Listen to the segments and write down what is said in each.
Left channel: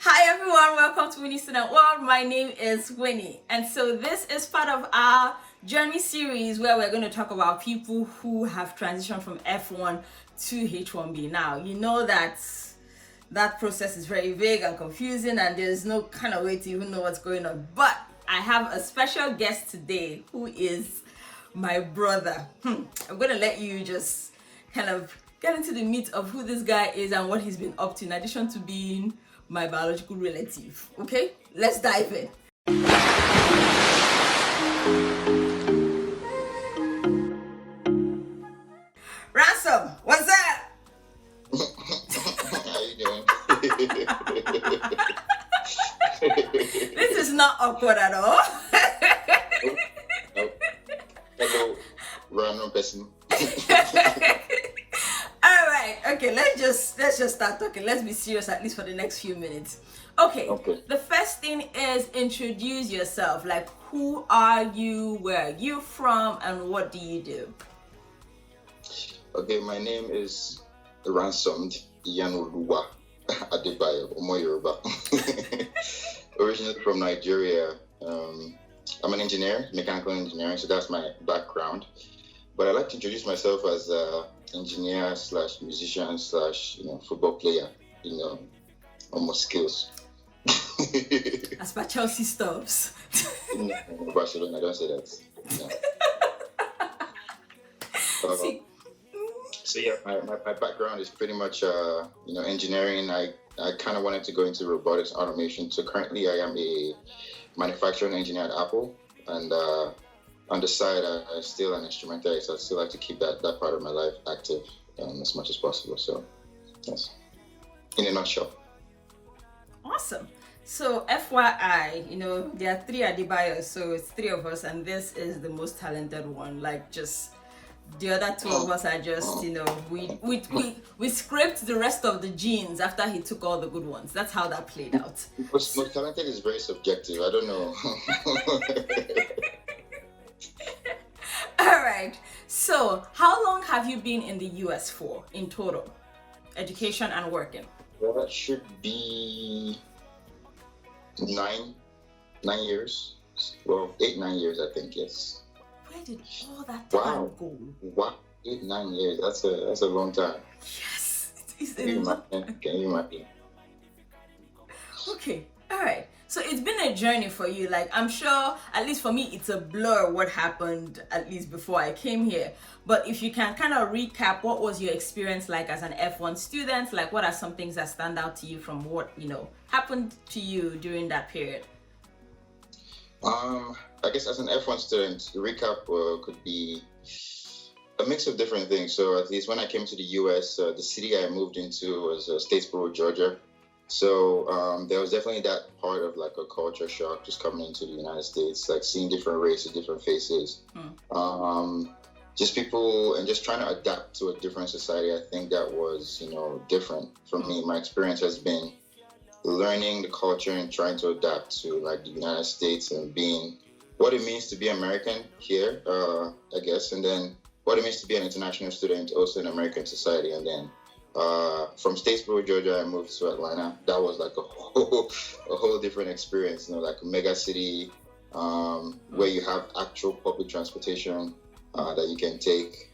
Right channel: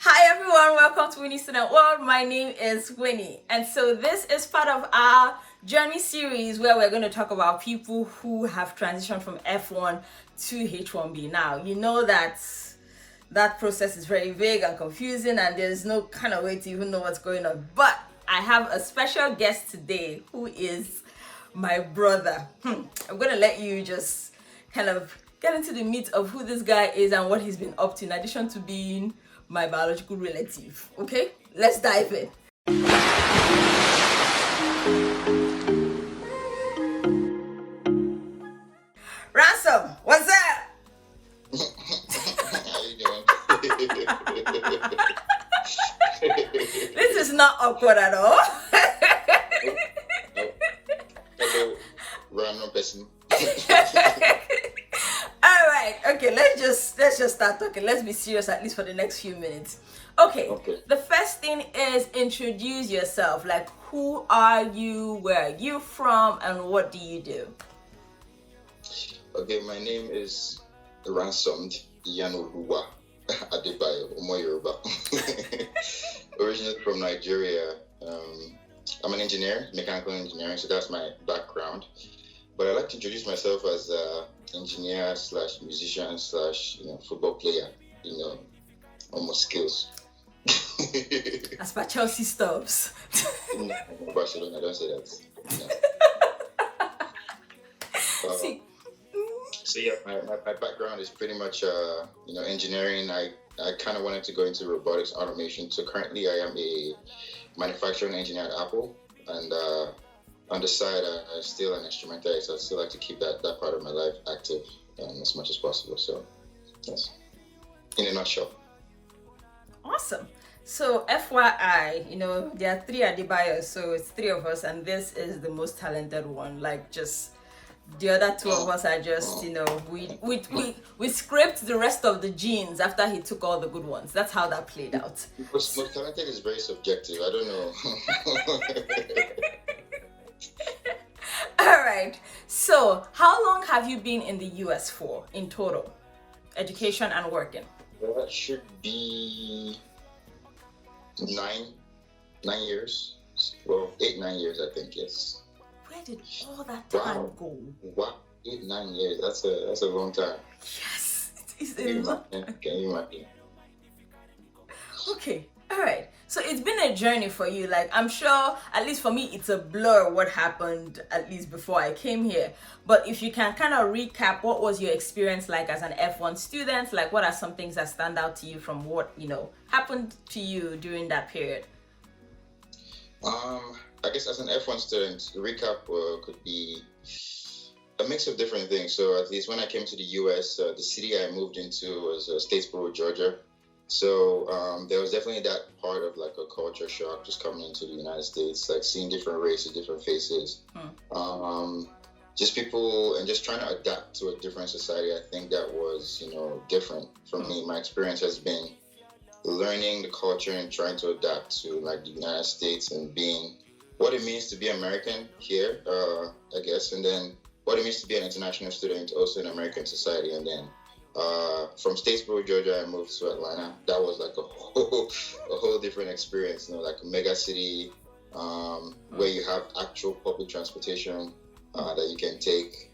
Hi everyone, welcome to Winnie Student World. My name is Winnie, and so this is part of our journey series where we're going to talk about people who have transitioned from F1 to H1B. Now, you know that process is very vague and confusing, and there's no kind of way to even know what's going on. But I have a special guest today who is my brother. I'm going to let you just kind of get into the meat of who this guy is and what he's been up to, in addition to being my biological relative. Okay, let's dive in. Ransom, what's up? How you doing? This is not awkward at all. Hello, random person. All right, okay, let's just start talking. Let's be serious at least for the next few minutes. Okay. The first thing is introduce yourself. Like, who are you, where are you from, and what do you do? Okay, my name is Ransomed Oluwa Adebayo Omo Yoruba. Originally from Nigeria. I'm an engineer, mechanical engineer, so that's my background. But I like to introduce myself as engineer slash musician slash football player. Almost skills. As per Chelsea stuffs. No, Barcelona, don't say that. So yeah, my background is pretty much engineering. I kind of wanted to go into robotics automation. So currently I am a manufacturing engineer at Apple, and on the side I'm still an instrumentalist. So I still like to keep that part of my life active as much as possible. So yes, in a nutshell. Awesome. So FYI, there are three Adebayos, so it's three of us, and this is the most talented one. Like, just the other two of us are just, we scraped the rest of the genes after he took all the good ones. That's how that played out. Most talented is very subjective. I don't know. All right. So, how long have you been in the US for in total? Education and working? Well, that should be 9 years. Well, 8-9 years, I think. Yes. Where did all that time go? Wow, 8-9 years. That's a long time. Yes, it's a lot. Can you imagine? Okay, all right. So it's been a journey for you. Like, I'm sure, at least for me, it's a blur what happened, at least before I came here. But if you can kind of recap, what was your experience like as an F1 student? Like, what are some things that stand out to you from what, happened to you during that period? I guess as an F1 student, the recap could be a mix of different things. So at least when I came to the US, the city I moved into was Statesboro, Georgia. So there was definitely that part of like a culture shock just coming into the United States, like seeing different races, different faces, just people, and just trying to adapt to a different society. I think that was, different for me. My experience has been learning the culture and trying to adapt to like the United States and being what it means to be American here, I guess, and then what it means to be an international student also in American society. And then from Statesboro, Georgia, I moved to Atlanta. That was like a whole different experience, like a mega city where you have actual public transportation that you can take.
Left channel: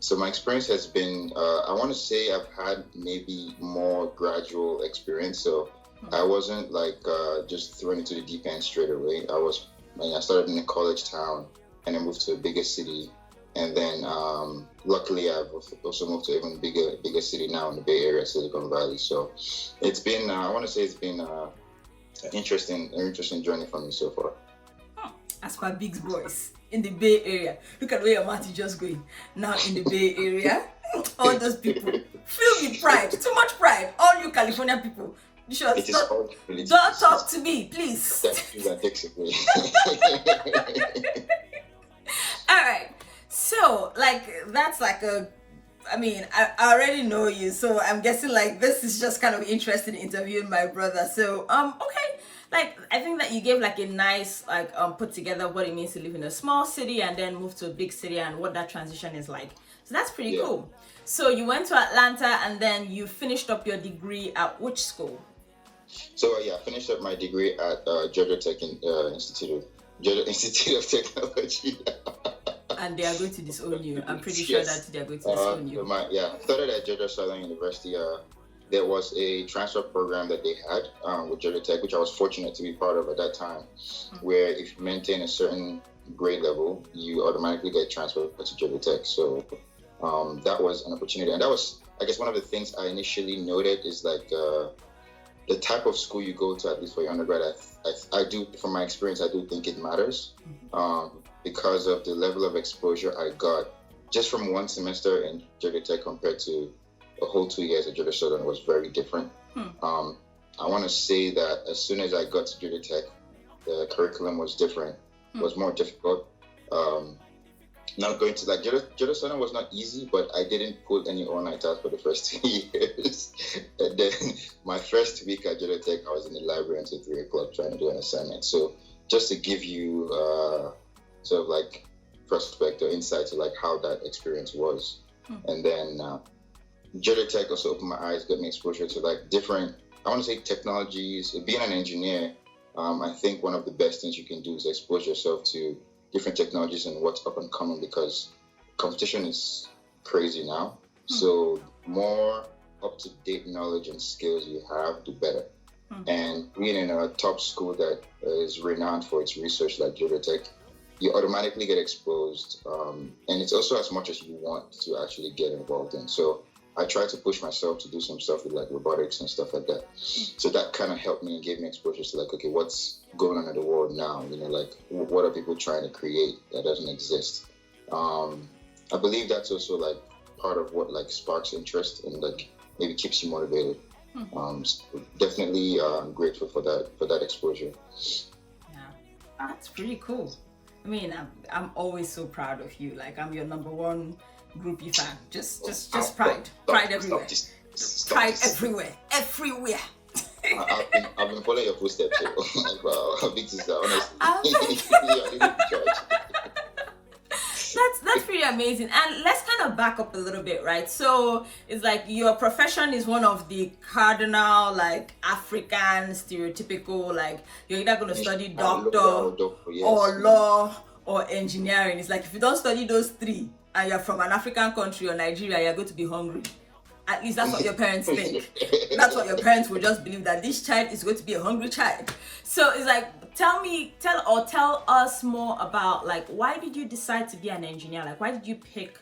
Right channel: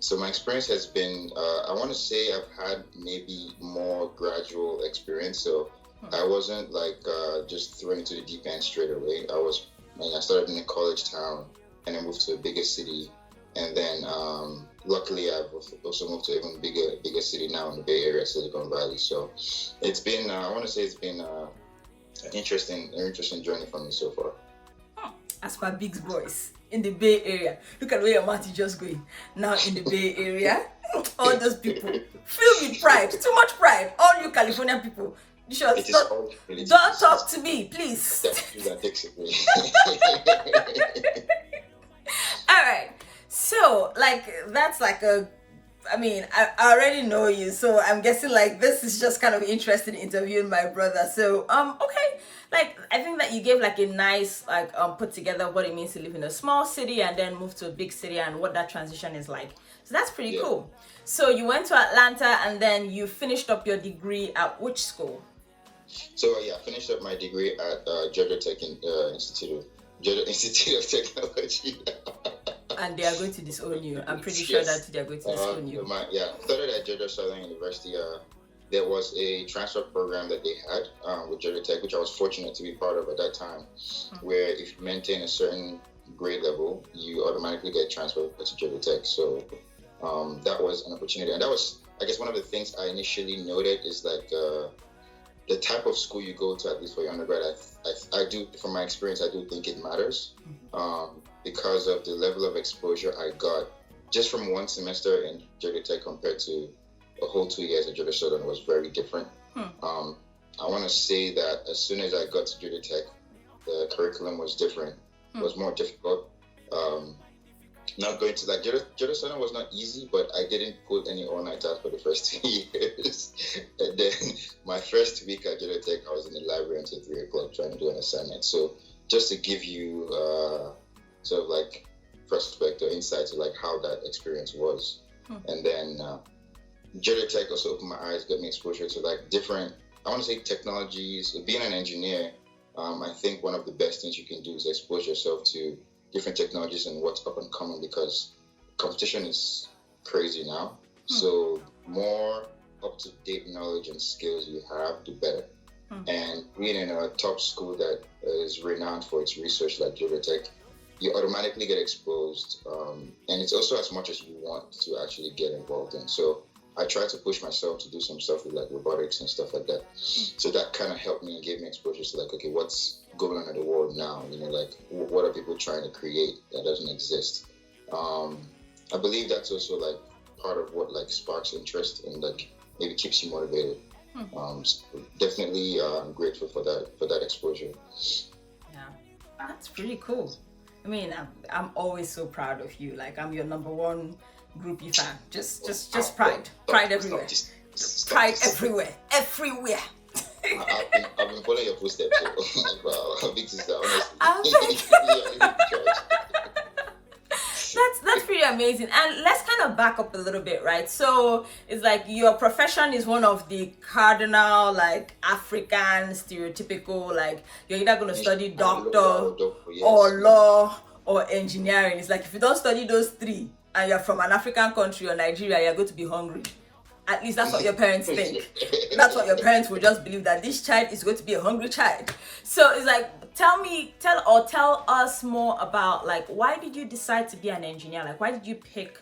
So my experience has been, I want to say I've had maybe more gradual experience. So I wasn't like just thrown into the deep end straight away. I started in a college town and I moved to a bigger city. And then luckily I've also moved to an even bigger city now in the Bay Area, Silicon Valley. So it's been, I want to say it's been an interesting journey for me so far. As for Big's boys in the Bay Area, look at where your mouth is just going. Now in the Bay Area, all those people filled with pride, too much pride. All you California people, you should don't talk to me, please. All right. So, like, that's like I already know you, so I'm guessing like this is just kind of interesting interviewing my brother. So, okay. Like, I think that you gave like a nice put together what it means to live in a small city and then move to a big city and what that transition is like. So that's pretty cool. So you went to Atlanta and then you finished up your degree at which school? So I finished up my degree at Georgia Tech Georgia Institute of Technology. And they are going to disown you. I'm pretty sure that they are going to disown you. Started at Georgia Southern University. There was a transfer program that they had with Georgia Tech, which I was fortunate to be part of at that time, where if you maintain a certain grade level, you automatically get transferred to Georgia Tech. So that was an opportunity. And that was, I guess, one of the things I initially noted is like the type of school you go to, at least for your undergrad. I do, from my experience, I do think it matters because of the level of exposure I got just from one semester in Georgia Tech compared to the whole 2 years at Georgia Southern was very different. I want to say that as soon as I got to Georgia Tech, the curriculum was different. It was more difficult. Not going to Georgia Southern was not easy, but I didn't put any all-night tasks for the first 2 years. And then my first week at Georgia Tech, I was in the library until 3 o'clock trying to do an assignment. So just to give you sort of like perspective, insight to like how that experience was. And then Georgia Tech also opened my eyes, got me exposure to like different, I want to say technologies. Being an engineer, I think one of the best things you can do is expose yourself to different technologies and what's up and coming, because competition is crazy now. So more up-to-date knowledge and skills you have, the better. And being in a top school that is renowned for its research like Georgia Tech, you automatically get exposed. And it's also as much as you want to actually get involved in. So I tried to push myself to do some stuff with like robotics and stuff like that. So that kind of helped me and gave me exposure to like, okay, what's going on in the world now? You know, like what are people trying to create that doesn't exist? I believe that's also like part of what like sparks interest and like maybe keeps you motivated. So definitely grateful for that exposure. Yeah, that's pretty cool. I mean, I'm always so proud of you. Like I'm your number one groupie fan. Just pride everywhere. Pride everywhere. I've been following your footsteps. Like, wow, big sister, honestly. That's pretty amazing. And let's kind of back up a little bit, right? So it's like your profession is one of the cardinal, like African stereotypical, like you're either going to study doctor or law or engineering. It's like if you don't study those three and you're from an African country or Nigeria, you're going to be hungry. At least that's what your parents think. That's what your parents will just believe, that this child is going to be a hungry child. So it's like, tell us more about like, why did you decide to be an engineer? Like, why did you pick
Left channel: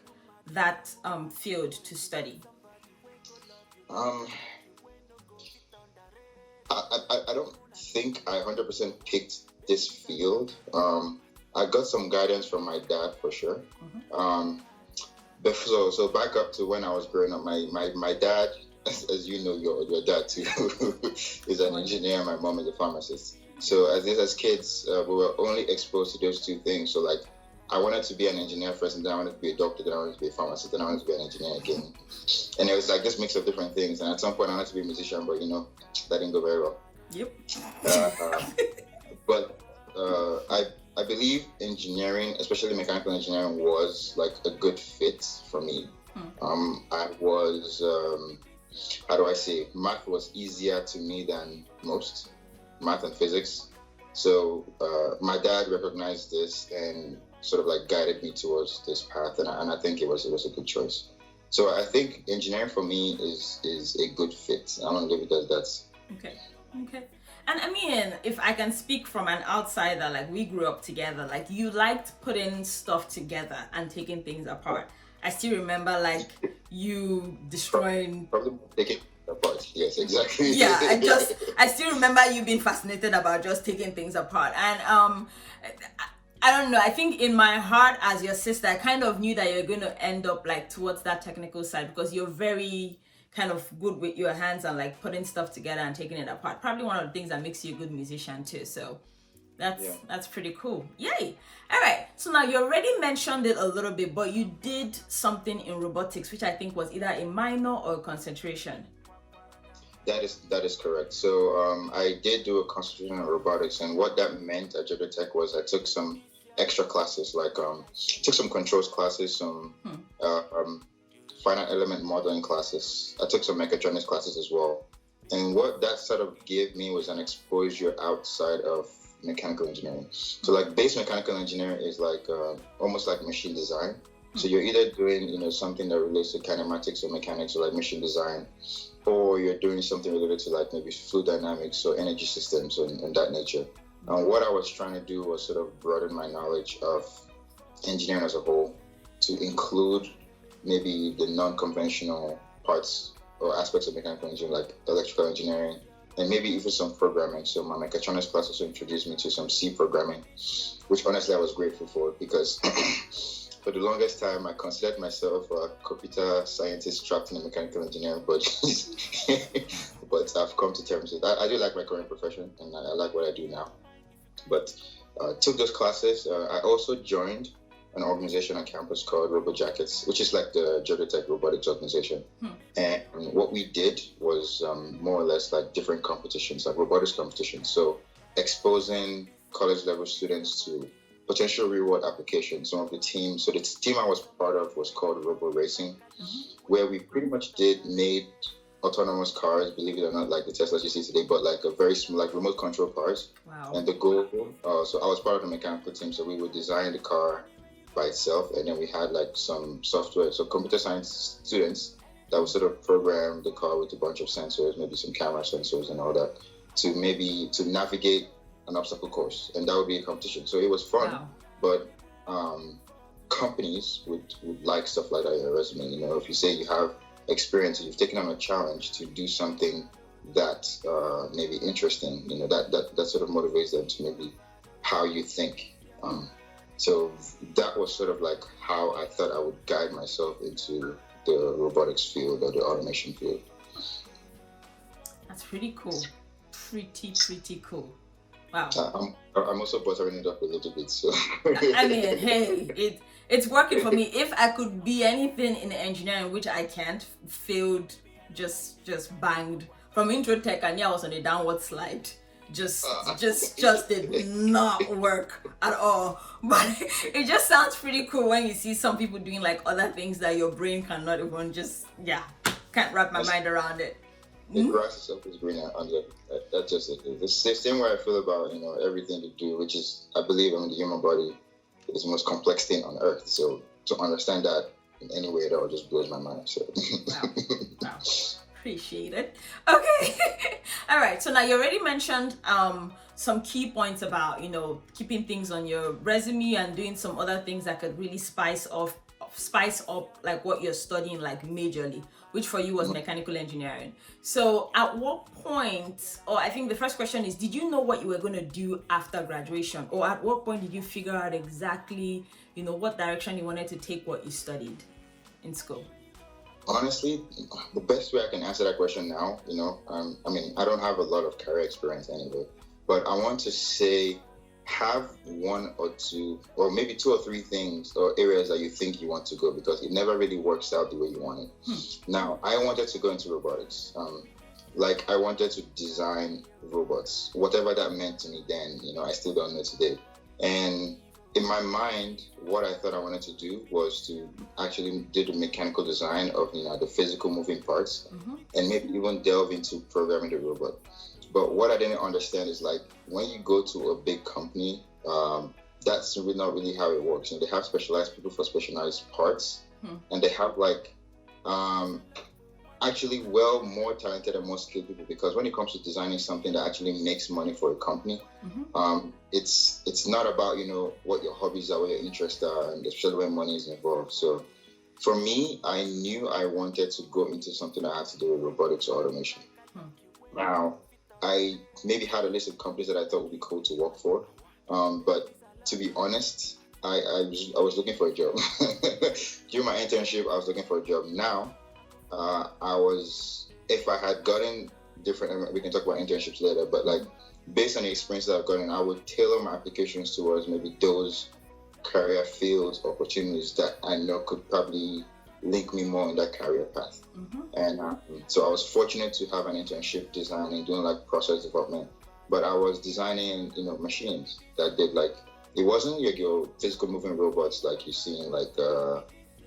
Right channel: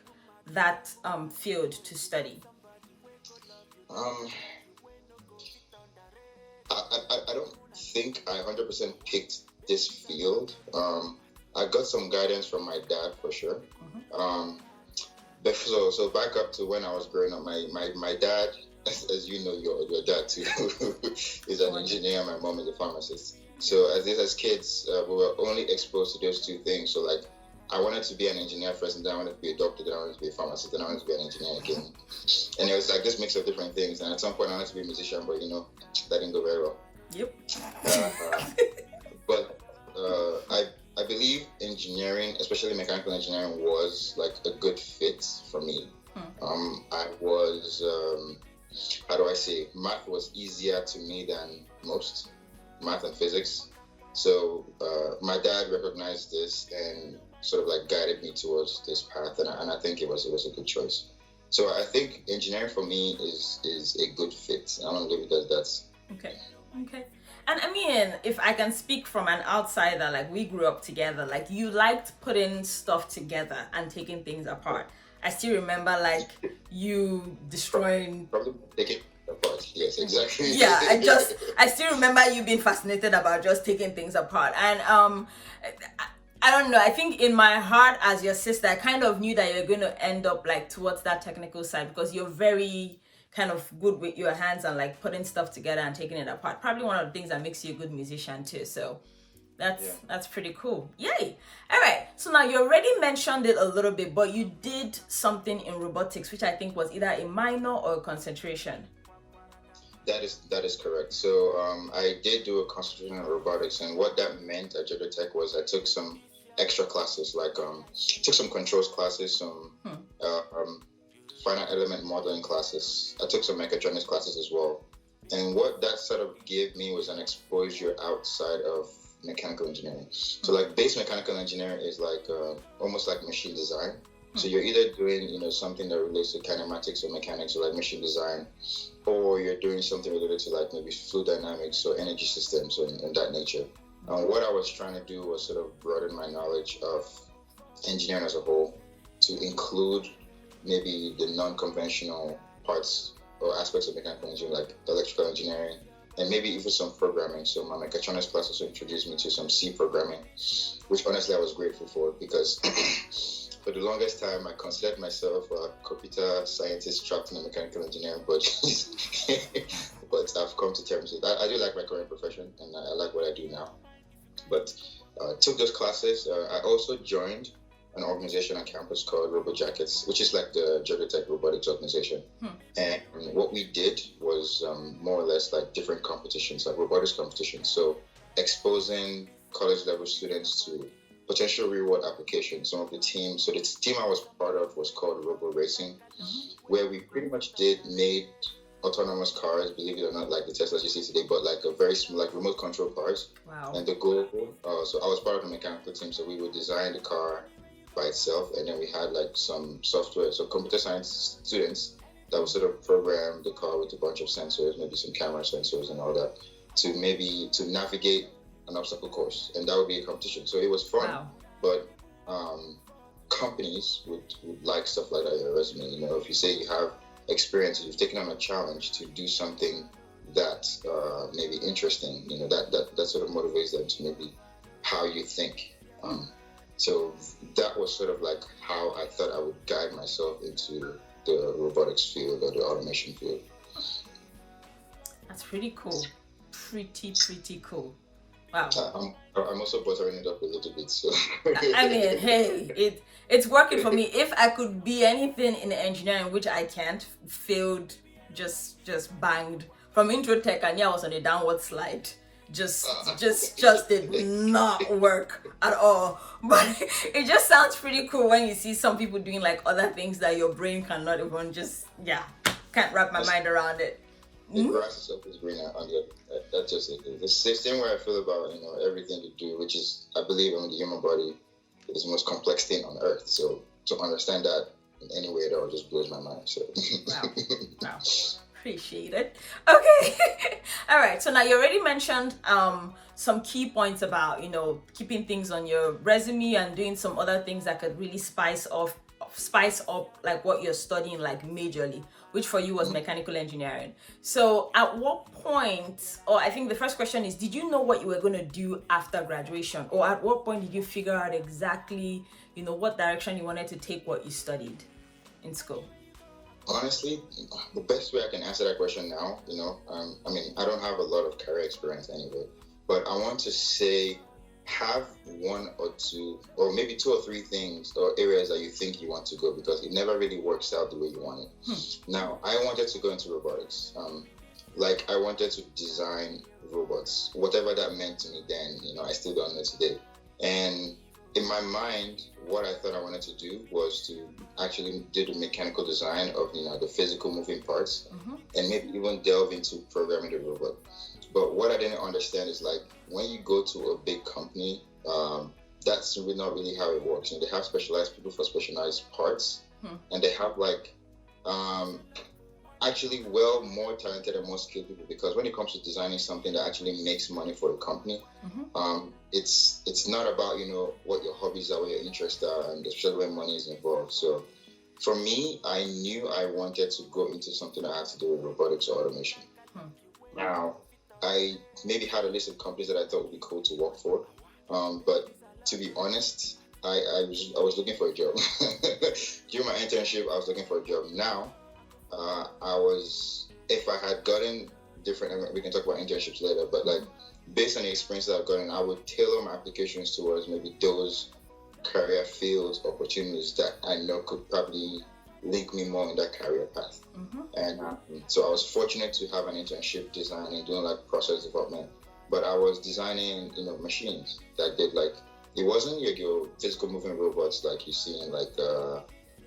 that field to study? I don't think I 100% picked this field. I got some guidance from my dad for sure. But so back up to when I was growing up, my dad, as you know, your dad too, is an engineer. My mom is a pharmacist. So as kids, we were only exposed to those two things. So like, I wanted to be an engineer first, and then I wanted to be a doctor, then I wanted to be a pharmacist, then I wanted to be an engineer again. And it was like this mix of different things. And at some point, I wanted to be a musician, but that didn't go very well. Yep. But I believe engineering, especially mechanical engineering, was like a good fit for me. I was, how do I say, math was easier to me than most, math and physics. So my dad recognized this and sort of like guided me towards this path, and I think it was a good choice. So I think engineering for me is a good fit. I'm gonna leave it as that. Okay. And I mean, if I can speak from an outsider, like we grew up together, like you liked putting stuff together and taking things apart. I still remember like you destroying. Problem taking apart. Yes, exactly. Yeah, I still remember you being fascinated about just taking things apart. And I don't know, I think in my heart as your sister, I kind of knew that you're going to end up like towards that technical side, because you're very kind of good with your hands and like putting stuff together and taking it apart. Probably one of the things that makes you a good musician too. So that's pretty cool. Yay. All right. So now you already mentioned it a little bit, but you did something in robotics, which I think was either a minor or a concentration. That is correct. So I did do a concentration in robotics, and what that meant at Georgia Tech was I took some extra classes, like took some controls classes, some finite element modeling classes. I took some mechatronics classes as well. And what that sort of gave me was an exposure outside of mechanical engineering. So like base mechanical engineering is like almost like machine design. So you're either doing, something that relates to kinematics or mechanics or like machine design, or you're doing something related to like maybe fluid dynamics or energy systems or in that nature. And what I was trying to do was sort of broaden my knowledge of engineering as a whole to include maybe the non-conventional parts or aspects of mechanical engineering, like electrical engineering, and maybe even some programming. So my mechatronics class also introduced me to some C programming, which honestly I was grateful for, because for the longest time I considered myself a computer scientist trapped in a mechanical engineering budget. But I've come to terms with that. I do like my current profession, and I like what I do now. But took those classes. I also joined an organization on campus called Robo Jackets, which is like the Georgia Tech robotics organization. And what we did was more or less like different competitions, like robotics competitions. So exposing college level students to potential real world applications. Some of the teams, so the team I was part of was called Robo Racing, where we pretty much made autonomous cars, believe it or not, like the Teslas you see today, but like a very small, like remote control cars. Wow. And the goal, so I was part of the mechanical team, so we would design the car by itself, and then we had like some software, so computer science students that would sort of program the car with a bunch of sensors, maybe some camera sensors and all that, to navigate an obstacle course, and that would be a competition. So it was fun. Wow. But companies would like stuff like that in your resume. If you say you have experience, you've taken on a challenge to do something that maybe interesting, that sort of motivates them to maybe how you think. So that was sort of like how I thought I would guide myself into the robotics field or the automation field. That's pretty cool. Pretty cool. Wow. I'm also buttering it up a little bit. So I mean, hey, it's working for me. If I could be anything in engineering, which I can't, failed, just banged from intro tech, and I was on a downward slide. Just did not work at all. But it just sounds pretty cool when you see some people doing like other things that your brain cannot even can't wrap my mind around it. The grass itself is greener under. That's just it. It's the same way I feel about everything we do, which is, I believe, the human body is the most complex thing on earth. So to understand that in any way, that just blows my mind. So wow. Appreciate it. Okay. All right. So now you already mentioned some key points about keeping things on your resume and doing some other things that could really spice up like what you're studying, like majorly, which for you was mechanical engineering. So at what point, or I think the first question is, did you know what you were going to do after graduation, or at what point did you figure out exactly what direction you wanted to take what you studied in school? Honestly, the best way I can answer that question now, I mean, I don't have a lot of career experience anyway, but I want to say have one or two, or maybe two or three things or areas that you think you want to go, because it never really works out the way you want it. Now, I wanted to go into robotics. Like I wanted to design robots, whatever that meant to me then, I still don't know today. And in my mind, what I thought I wanted to do was to actually do the mechanical design of the physical moving parts, and maybe even delve into programming the robot. But what I didn't understand is, like, when you go to a big company, that's really not really how it works. And they have specialized people for specialized parts, and they have like actually more talented and more skilled people, because when it comes to designing something that actually makes money for a company, it's not about what your hobbies are, what your interests are, and especially when money is involved. So for me, I knew I wanted to go into something that had to do with robotics or automation. Now, I maybe had a list of companies that I thought would be cool to work for, but to be honest, I was looking for a job. During my internship, I was looking for a job. Now, if I had gotten different, we can talk about internships later, but like based on the experience that I've gotten, I would tailor my applications towards maybe those career fields, opportunities that I know could probably link me more in that career path. And so I was fortunate to have an internship designing, doing like process development, but I was designing, machines that did like, it wasn't like your physical moving robots like you see in like,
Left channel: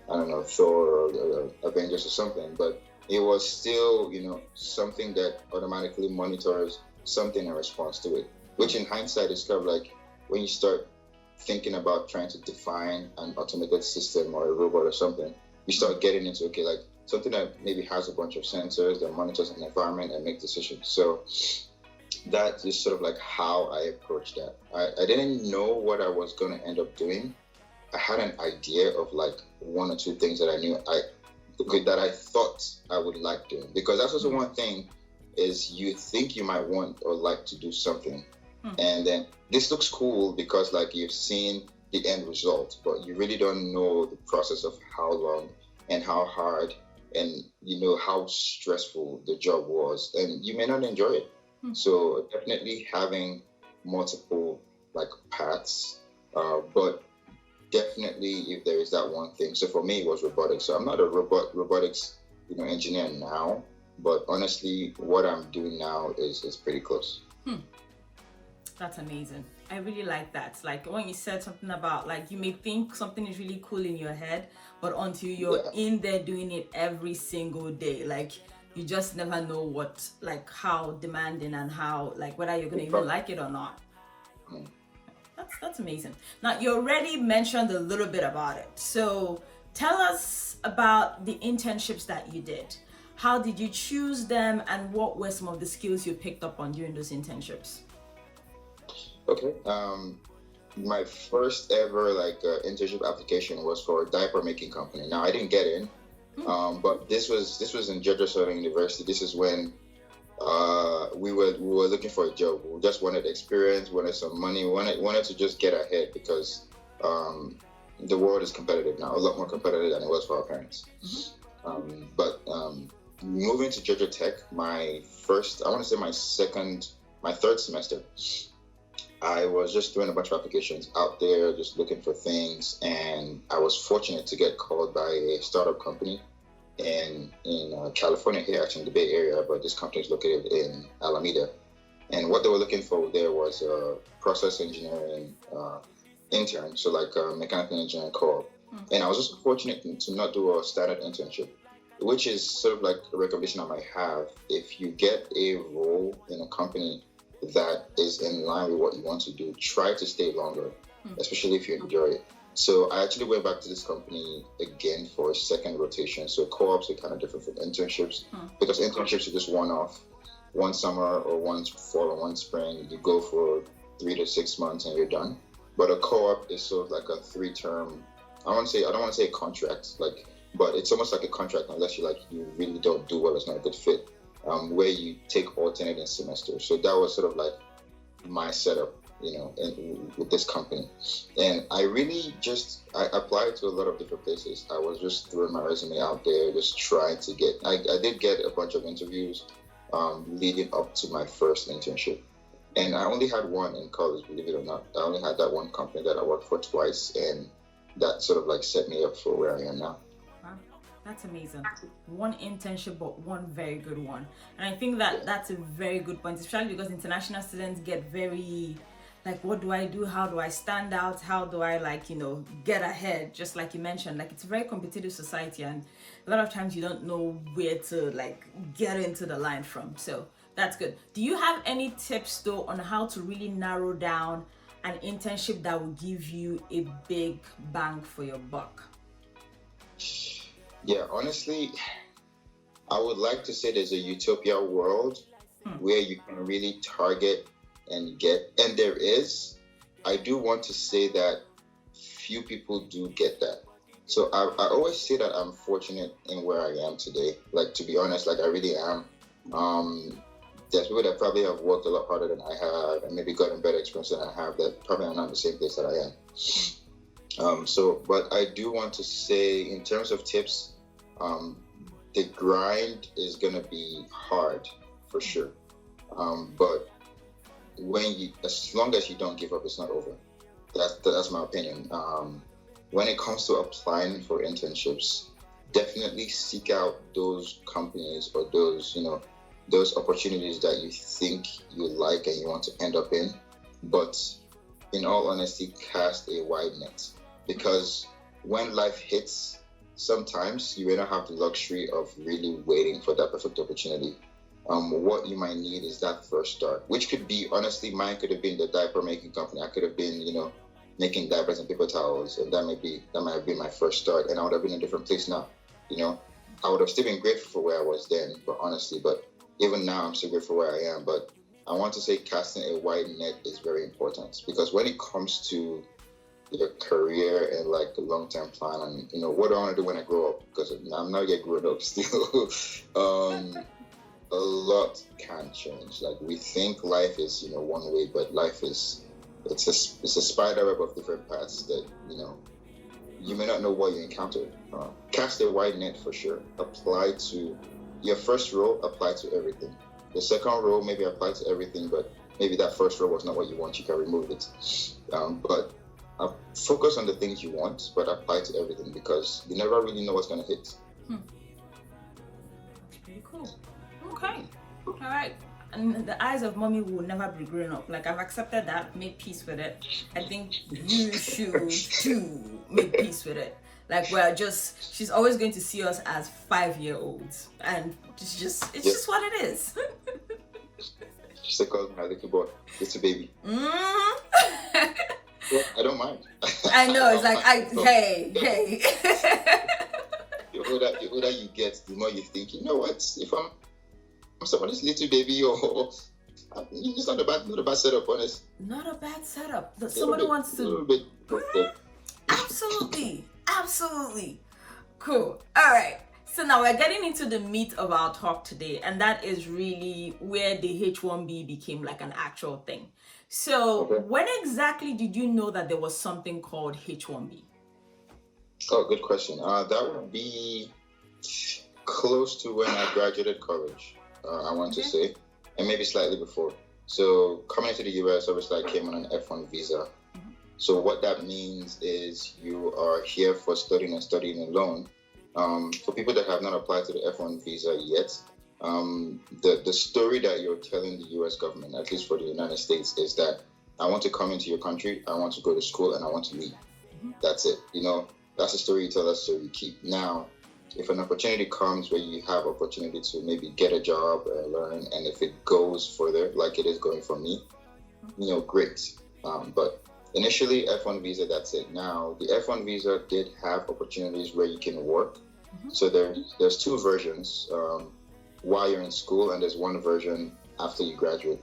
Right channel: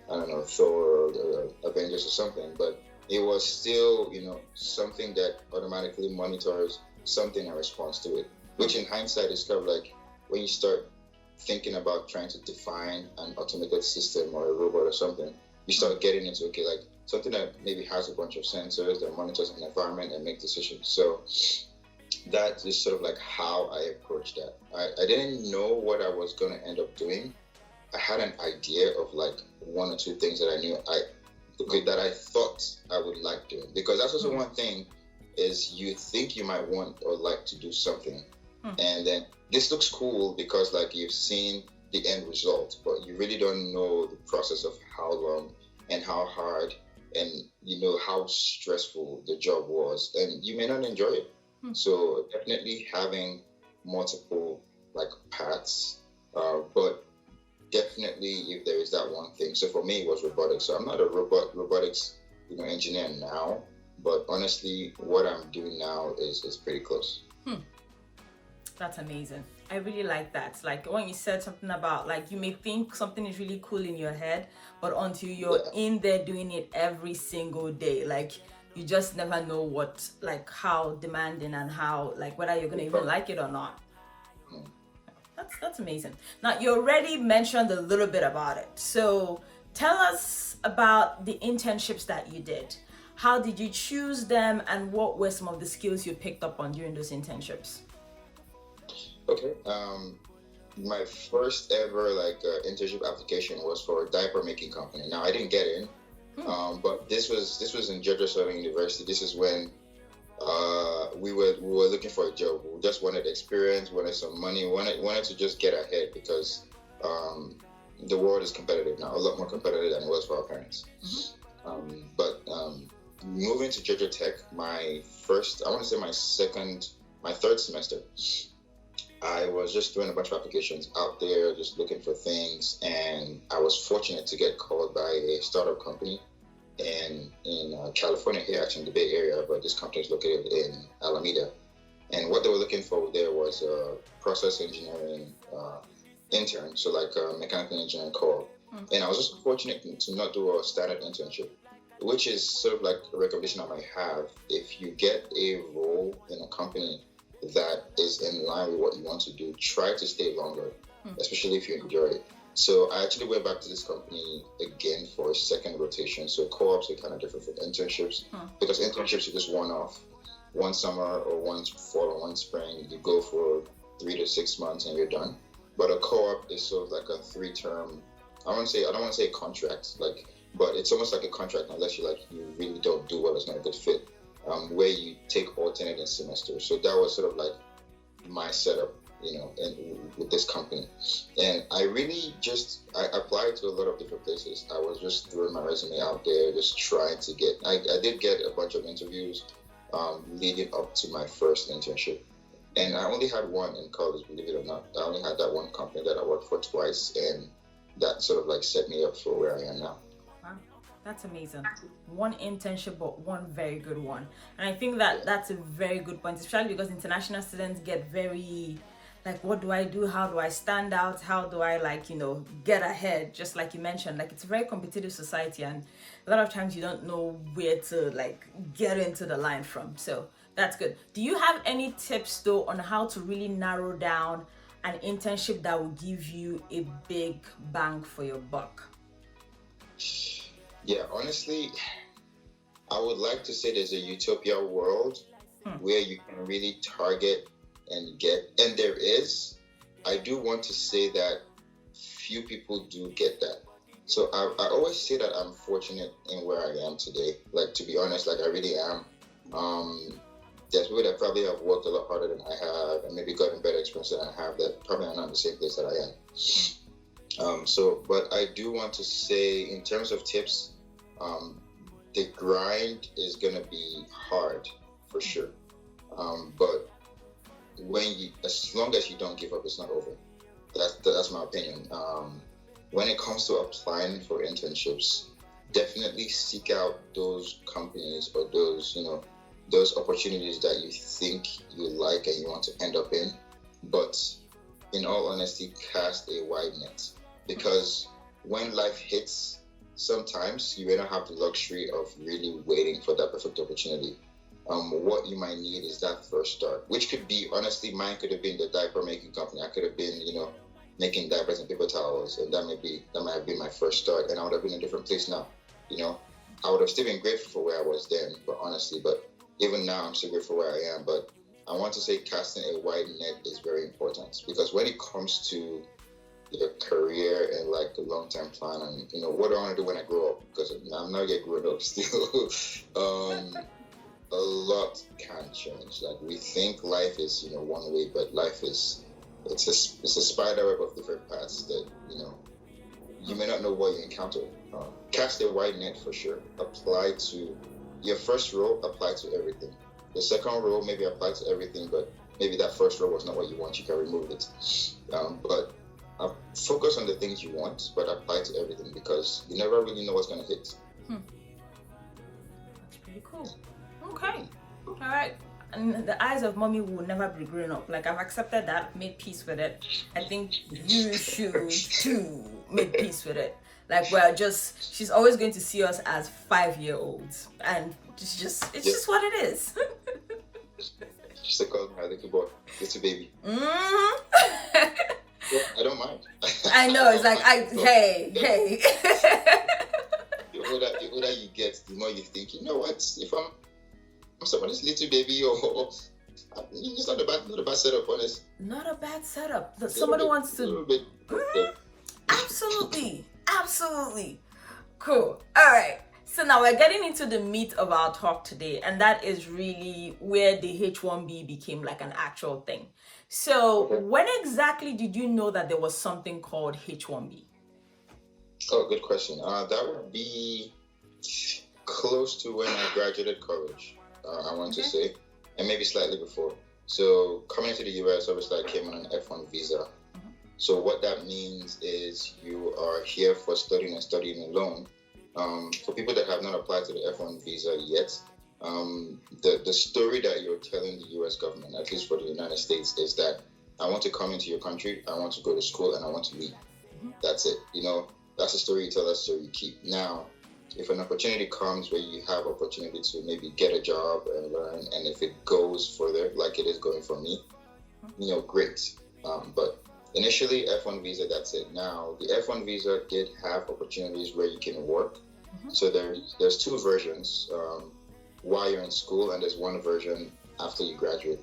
I don't know, Thor or Avengers or something, but it was still, something that automatically monitors something in response to it, which in hindsight is kind of like when you start thinking about trying to define an automated system or a robot or something, you start getting into, okay, like something that maybe has a bunch of sensors that monitors an environment and make decisions. So that is sort of like how I approached that. I didn't know what I was going to end up doing. I had an idea of like one or two things that I knew that I thought I would like doing, because that's also one thing is you think you might want or like to do something, and then this looks cool because like you've seen the end result, but you really don't know the process of how long and how hard and how stressful the job was, and you may not enjoy it. So definitely having multiple like paths, but definitely if there is that one thing. So for me it was robotics. So I'm not a robotics engineer now, but honestly what I'm doing now is pretty close. That's amazing. I really like that. Like when you said something about like you may think something is really cool in your head, but until you're in there doing it every single day, like you just never know what, like how demanding and how, like whether you're gonna even like it or not. That's amazing. Now you already mentioned a little bit about it. So tell us about the internships that you did. How did you choose them, and what were some of the skills you picked up on during those internships? Okay. My first ever internship application was for a diaper making company. Now I didn't get in, but this was in Georgia Southern University. This is when we were looking for a job. We just wanted experience, wanted some money, wanted to just get ahead, because the world is competitive now, a lot more competitive than it was for our parents. But moving to Georgia Tech, my third semester, I was just doing a bunch of applications out there, just looking for things, and I was fortunate to get called by a startup company in California here, actually in the Bay Area, but this company is located in Alameda. And what they were looking for there was a process engineering intern, so like a mechanical engineering co-op. And I was just fortunate to not do a standard internship, which is sort of like a recommendation I might have. If you get a role in a company that is in line with what you want to do, try to stay longer, especially if you enjoy it. So I actually went back to this company again for a second rotation. So co-ops are kind of different from internships, because internships are just one-off, one summer or one fall or one spring. You go for 3 to 6 months and you're done. But a co-op is sort of like a 3-term. I don't want to say a contract, but it's almost like a contract unless you really don't do well. It's not a good fit. Where you take alternating semesters. So that was sort of like my setup, with this company. And I really I applied to a lot of different places. I was just throwing my resume out there, just trying to I did get a bunch of interviews leading up to my first internship. And I only had one in college, believe it or not. I only had that one company that I worked for twice, and that sort of set me up for where I am now. Wow, that's amazing. One internship, but one very good one. And I think that's a very good point, especially because international students get very what do I do? How do I stand out? How do I get ahead? Just like you mentioned, it's a very competitive society, and a lot of times you don't know where to get into the line from. So that's good. Do you have any tips though on how to really narrow down an internship that will give you a big bang for your buck? Yeah, honestly, I would like to say there's a utopia world where you can really target and get, and there is. I do want to say that few people do get that. So I always say that I'm fortunate in where I am today. To be honest, I really am. There's people that probably have worked a lot harder than I have and maybe gotten better experience than I have that probably are not in the same place that I am. But I do want to say, in terms of tips, the grind is gonna be hard for sure. But as long as you don't give up, it's not over. That's my opinion. When it comes to applying for internships, definitely seek out those companies or those opportunities that you think you like and you want to end up in. But in all honesty, cast a wide net, because when life hits, sometimes you may not have the luxury of really waiting for that perfect opportunity. What you might need is that first start, which could be, honestly, mine could have been the diaper making company. I could have been, making diapers and paper towels, and that might have been my first start, and I would have been in a different place now. I would have still been grateful for where I was then, but even now I'm still grateful for where I am. But I want to say casting a wide net is very important, because when it comes to your career and like the long-term plan and what do I want to do when I grow up, because I'm not yet grown up still. A lot can change. Like, we think life is one way, but life is it's a spider web of different paths that you may not know what you encounter. Cast a wide net for sure. Apply to your first role, apply to everything. The second role maybe apply to everything, but maybe that first role was not what you want, you can remove it. But focus on the things you want, but apply to everything, because you never really know what's going to hit. Pretty cool. Okay. All right. And the eyes of mommy will never be grown up. Like, I've accepted that, made peace with it. I think you should too make peace with it. Like, she's always going to see us as 5-year-olds. And it's just what it is. She's like, oh, my little boy, little baby. I don't mind. I know, it's like, hey. The older you get, the more you think, you know what, if I'm somebody's little baby, or it's not a bad setup, honest. Not a bad setup. Somebody wants to. Absolutely. Cool. All right. So now we're getting into the meat of our talk today, and that is really where the H1B became like an actual thing. So when exactly did you know that there was something called H1B? Oh, good question. That would be close to when I graduated college. I want to say, and maybe slightly before. So coming to the US, obviously I came on an F1 visa. So what that means is you are here for studying alone. For people that have not applied to the F1 visa yet, the story that you're telling the US government, at least for the United States, is that I want to come into your country, I want to go to school, and I want to leave. That's it. That's the story you tell, that's the story you keep. Now, if an opportunity comes where you have opportunity to maybe get a job or learn, and if it goes further, like it is going for me, great. But initially, F1 visa, that's it. Now, the F1 visa did have opportunities where you can work. So there's two versions while you're in school, and there's one version after you graduate.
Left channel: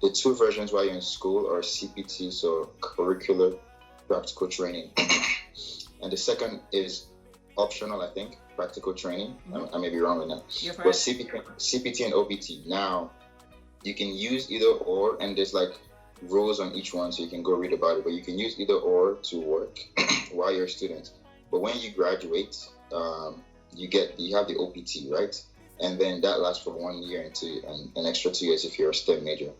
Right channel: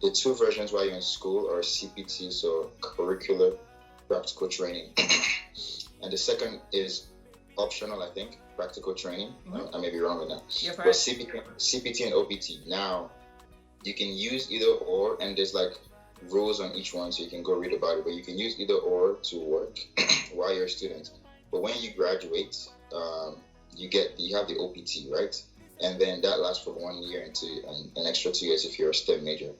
The two versions while you're in school are CPT, so curricular practical training. And the second is optional, I think, practical training. I may be wrong with that. You're but correct. CPT and OPT. Now, you can use either or, and there's like rules on each one, so you can go read about it. But you can use either or to work while you're a student. But when you graduate, you have the OPT, right? And then that lasts for 1 year into an extra 2 years if you're a STEM major.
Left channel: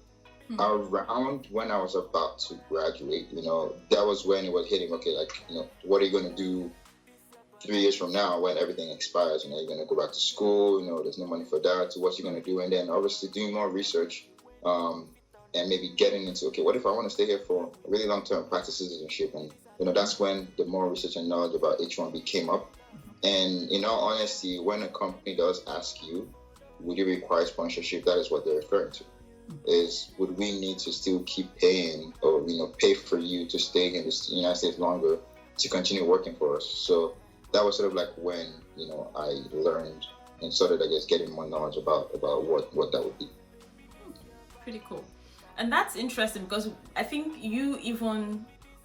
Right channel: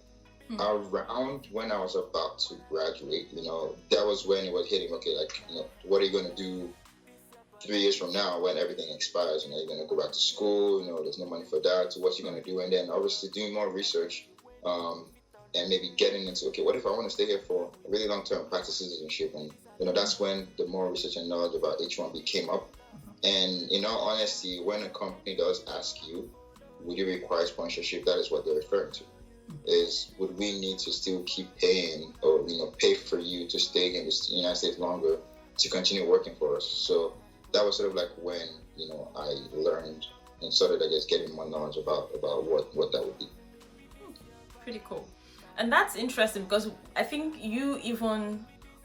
Around when I was about to graduate, that was when it was hitting. Okay, what are you going to do 3 years from now when everything expires? You're going to go back to school. There's no money for that. So what's you going to do? And then obviously doing more research, and maybe getting into, okay, what if I want to stay here for a really long term, practice citizenship? And that's when the more research and knowledge about H1B came up. And in all honesty, when a company does ask you, would you require sponsorship, that is what they're referring to. Is would we need to still keep paying, or pay for you to stay in the United States longer to continue working for us? So that was sort of like when I learned and started, I guess, getting more knowledge about what that would be. Pretty cool. And that's interesting, because I think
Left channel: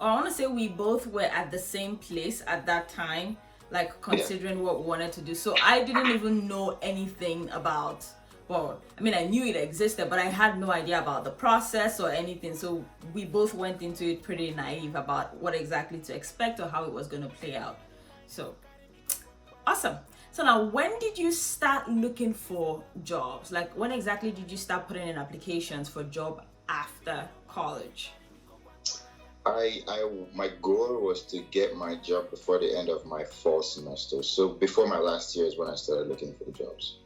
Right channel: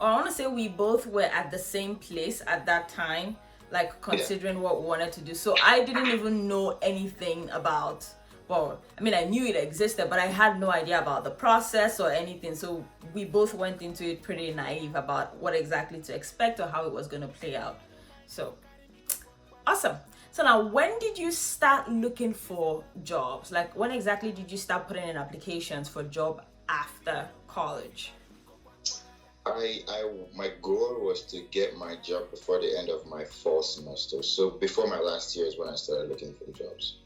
I want to say we both were at the same place at that time, like considering what we wanted to do. So I didn't even know anything about, I knew it existed, but I had no idea about the process or anything. So we both went into it pretty naive about what exactly to expect or how it was going to play out. So awesome. So now, when did you start looking for jobs? Like, when exactly did you start putting in applications for job after college? My goal was to get my job before the end of my fall semester. So before my last year is when I started looking for jobs.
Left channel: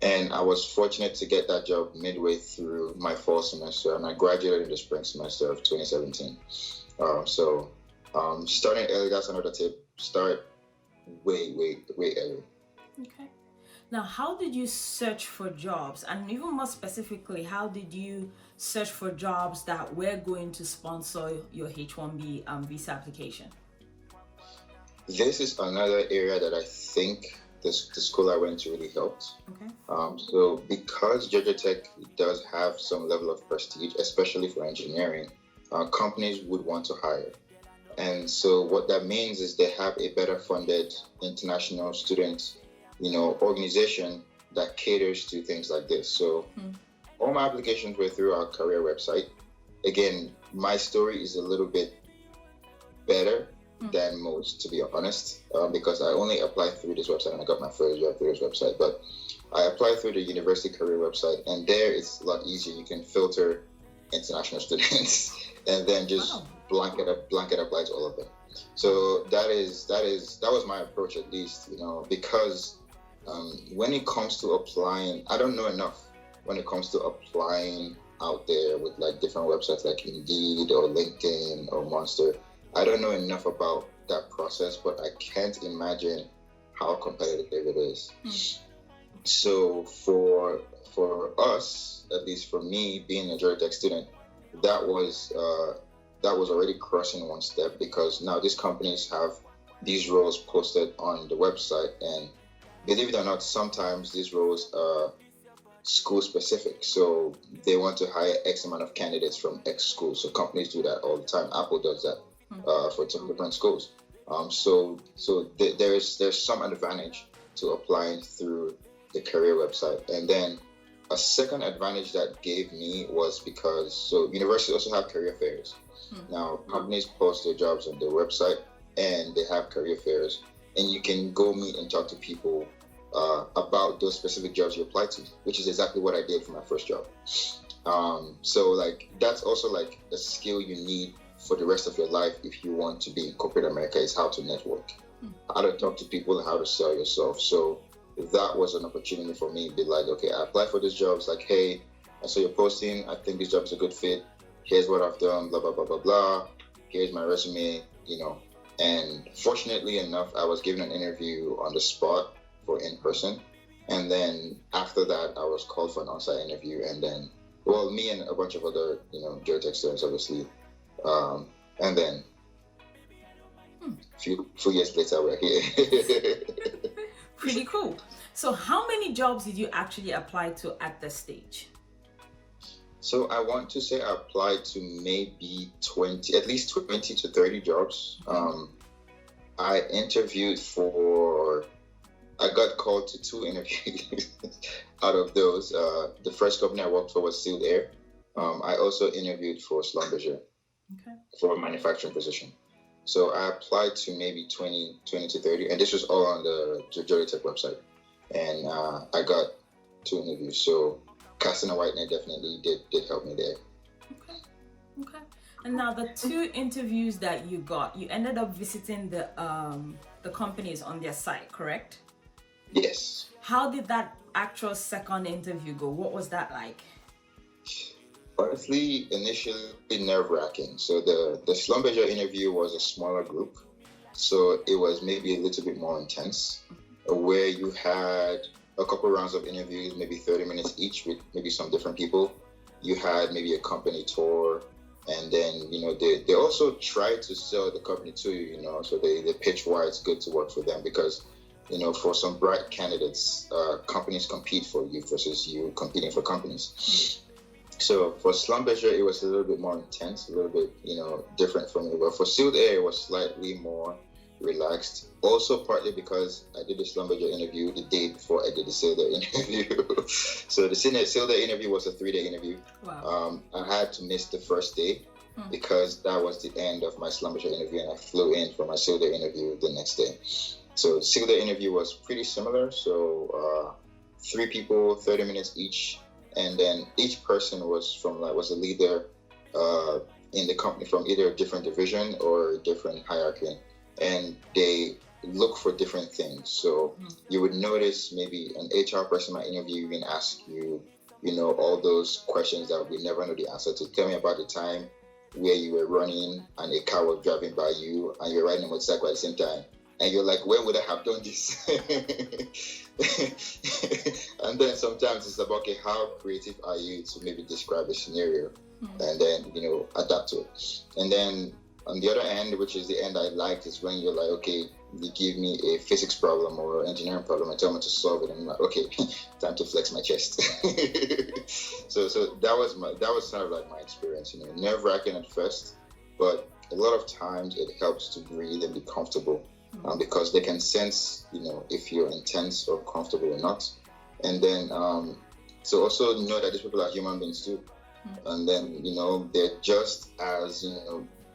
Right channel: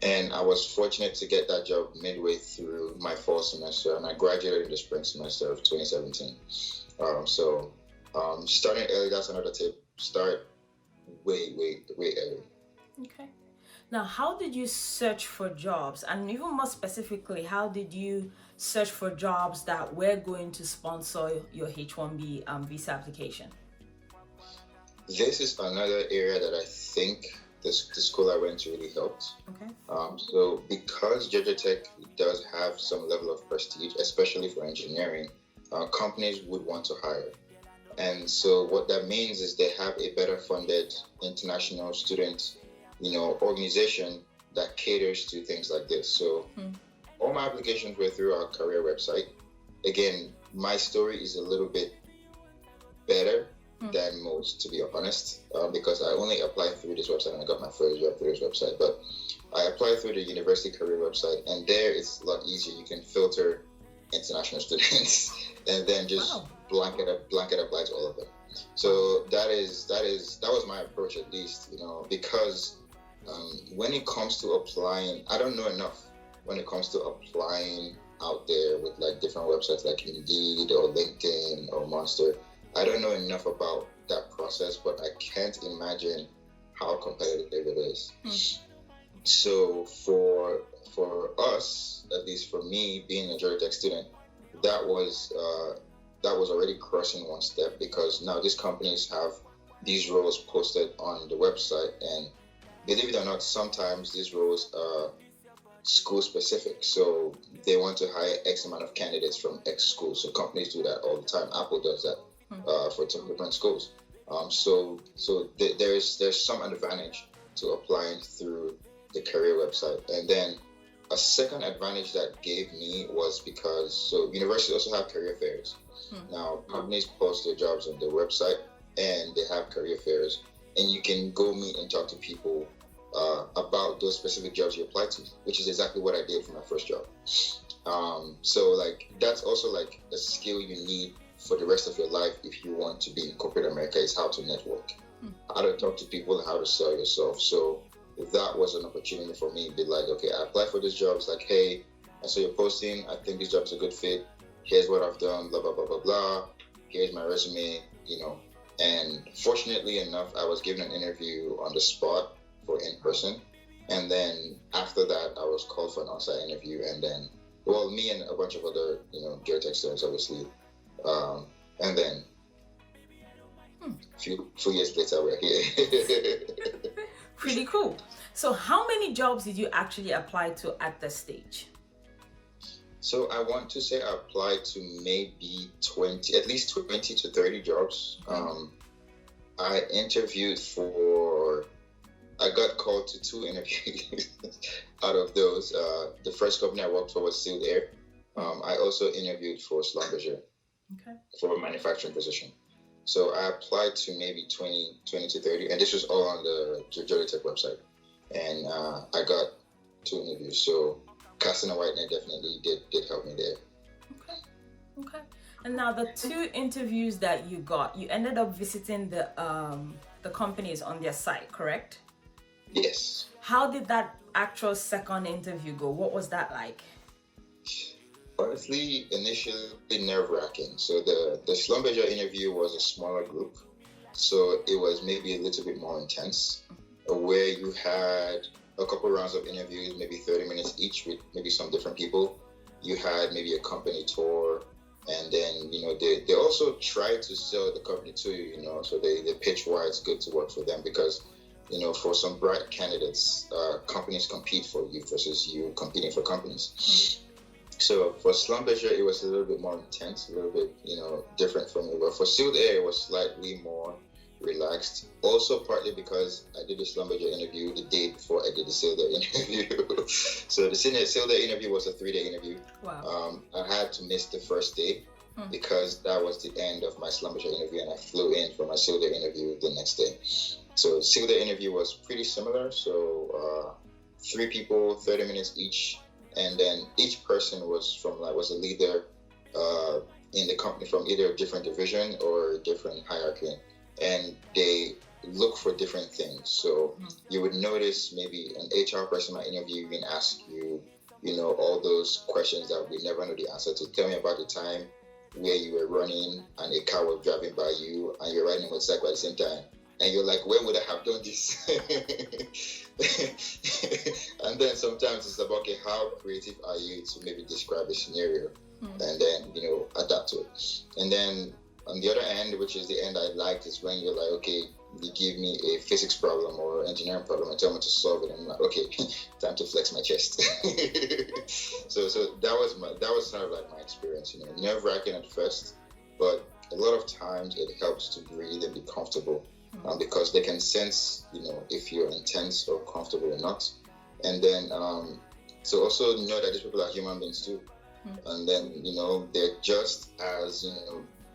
And I was fortunate to get that job midway through my fall semester, and I graduated in the spring semester of 2017. Starting early, that's another tip. Start way early. Okay. Now, how did you search for jobs? And even more specifically, how did you search for jobs that were going to sponsor your H1B visa application? This is another area that I think the school I went to really helped. Okay. So because Georgia Tech does have some level of prestige, especially for engineering, companies would want to hire. And so what that means is they have a better funded international student, organization that caters to things like this. So all my applications were through our career website. Again, my story is a little bit better than most, to be honest, because I only applied through this website and I got my first job through this website. But I applied through the university career website, and there it's a lot easier. You can filter international students and then just blanket apply to all of them. So that was my approach, at least, because when it comes to applying, I don't know enough when it comes to applying out there with like different websites like Indeed or LinkedIn or Monster. I don't know enough about that process, but I can't imagine how competitive it is. So for us, at least for me, being a Georgia Tech student, that was already crossing one step, because now these companies have these roles posted on the website, and believe it or not, sometimes these roles are school specific. So they want to hire X amount of candidates from X school. So companies do that all the time. Apple does that for different schools. So there's some advantage to applying through the career website. And then a second advantage that gave me was because universities also have career fairs. Now companies post their jobs on their website, and they have career fairs, and you can go meet and talk to people about those specific jobs you apply to, which is exactly what I did for my first job. So like that's also like a skill you need for the rest of your life if you want to be in corporate America, is how to network, how to talk to people, and how to sell yourself. So that was an opportunity for me to be like, okay, I applied for this job. It's like, hey, I saw your posting. I think this job's a good fit. Here's what I've done, blah, blah, blah, blah, blah. Here's my resume, And fortunately enough, I was given an interview on the spot for in-person. And then after that, I was called for an on-site interview. And then, me and a bunch of other, Georgia Tech students, obviously. And then a few years later, we're here. Pretty cool. So how many jobs did you actually apply to at this stage? So I want to say I applied to maybe at least 20 to 30 jobs. I interviewed I got called to 2 interviews out of those. The first company I worked for was Sealed Air. I also interviewed for Schlumberger for a manufacturing position. So I applied to maybe 20 to 30, and this was all on the Georgia Tech website. And I got 2 interviews. So casting a white net definitely did help me there. Okay. And now the 2 interviews that you got, you ended up visiting the companies on their site, correct? Yes. How did that actual second interview go? What was that like? Honestly, initially nerve-wracking. So the Schlumberger interview was a smaller group, so it was maybe a little bit more intense, where you had a couple rounds of interviews, maybe 30 minutes each with maybe some different people. You had maybe a company tour, and then they also try to sell the company to you, so they pitch why it's good to work for them, because for some bright candidates, companies compete for you versus you competing for companies. So for Schlumberger, it was a little bit more intense, a little bit, different from me. But for Sealed Air, it was slightly more relaxed. Also, partly because I did the Schlumberger interview the day before I did the Sealed Air interview. So the Sealed Air interview was a 3-day interview. Wow. I had to miss the first day because that was the end of my Schlumberger interview, and I flew in for my Sealed Air interview the next day. So the Sealed Air interview was pretty similar. So 3 people, 30 minutes each. And then each person was a leader in the company from either a different division or a different hierarchy, and they look for different things. So you would notice maybe an HR person might interview you and ask you, all those questions that we never know the answer to. Tell me about the time where you were running and a car was driving by you and you're riding a motorcycle at the same time. and you're like, where would I have done this? And then sometimes it's about, okay, how creative are you to maybe describe a scenario and then, adapt to it. And then on the other end, which is the end I liked, is when you're like, okay, you give me a physics problem or engineering problem and tell me to solve it, and I'm like, okay, time to flex my chest. so that was kind of like my experience, nerve-wracking at first, but a lot of times it helps to breathe and be comfortable, because they can sense, if you're intense or comfortable or not. And then so also know that these people are human beings too, and then they're just as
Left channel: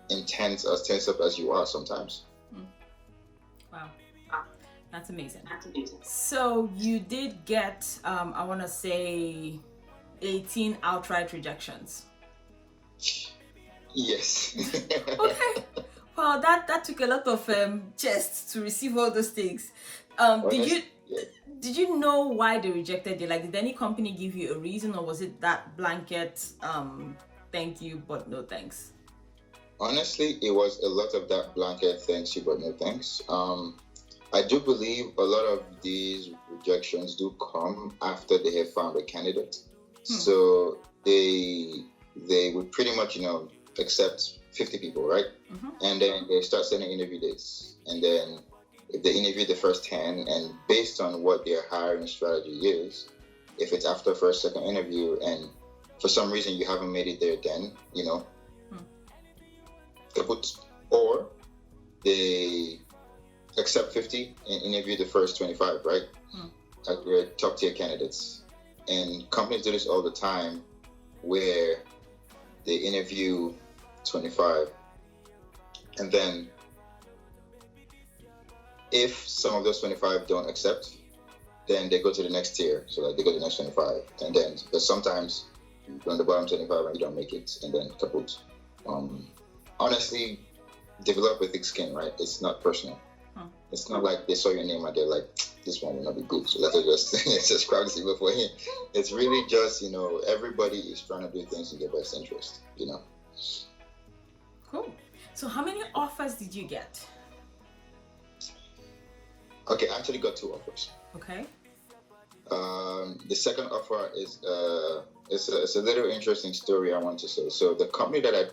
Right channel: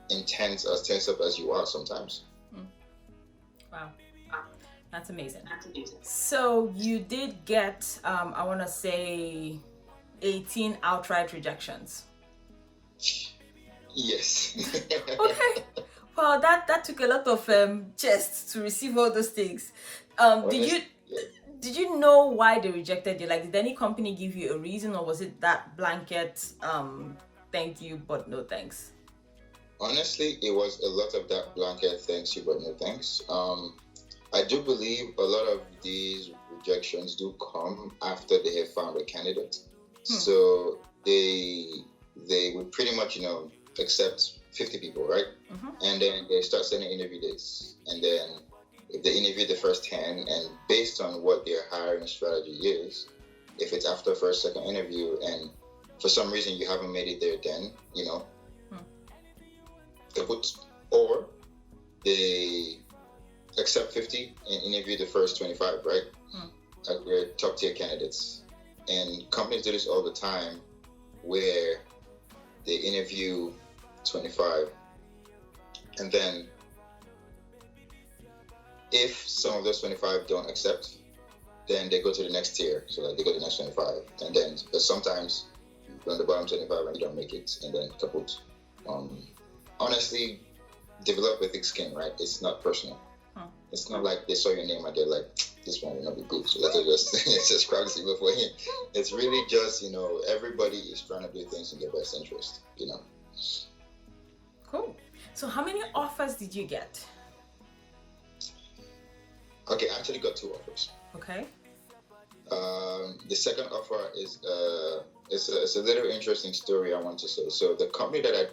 intense, as tense up as you are sometimes. Wow, that's amazing. So you did get, I want to say, 18 outright rejections. Yes. Okay. Well, that took a lot of chest to receive all those things. Did you know why they rejected you? Like, did any company give you a reason, or was it that blanket thank you but no thanks? Honestly, it was a lot of that blanket thanks you but no thanks. I do believe a lot of these rejections do come after they have found a candidate. So they would pretty much accept 50 people, right? And then they start sending interview dates, and then if they interview the first 10, and based on what their hiring strategy is, if it's after first, second interview, and for some reason you haven't made it there, then they put, or they accept 50 and interview the first 25, right? Like we're top tier candidates, and companies do this all the time, where they interview 25, and then if some of those 25 don't accept, then they go to the next tier. So like they go to the next 25, and then because sometimes you're on the bottom 25 and you don't make it, and then kaput. Honestly, develop a thick skin, right? It's not personal. It's not like they saw your name and they're like, this one will not be good, so let's just crowd this before him. It's really just, everybody is trying to do things in their best interest, Cool. So how many offers did you get? Okay, I actually got 2 offers. Okay. The second offer is it's a little interesting story I want to say. So the company that I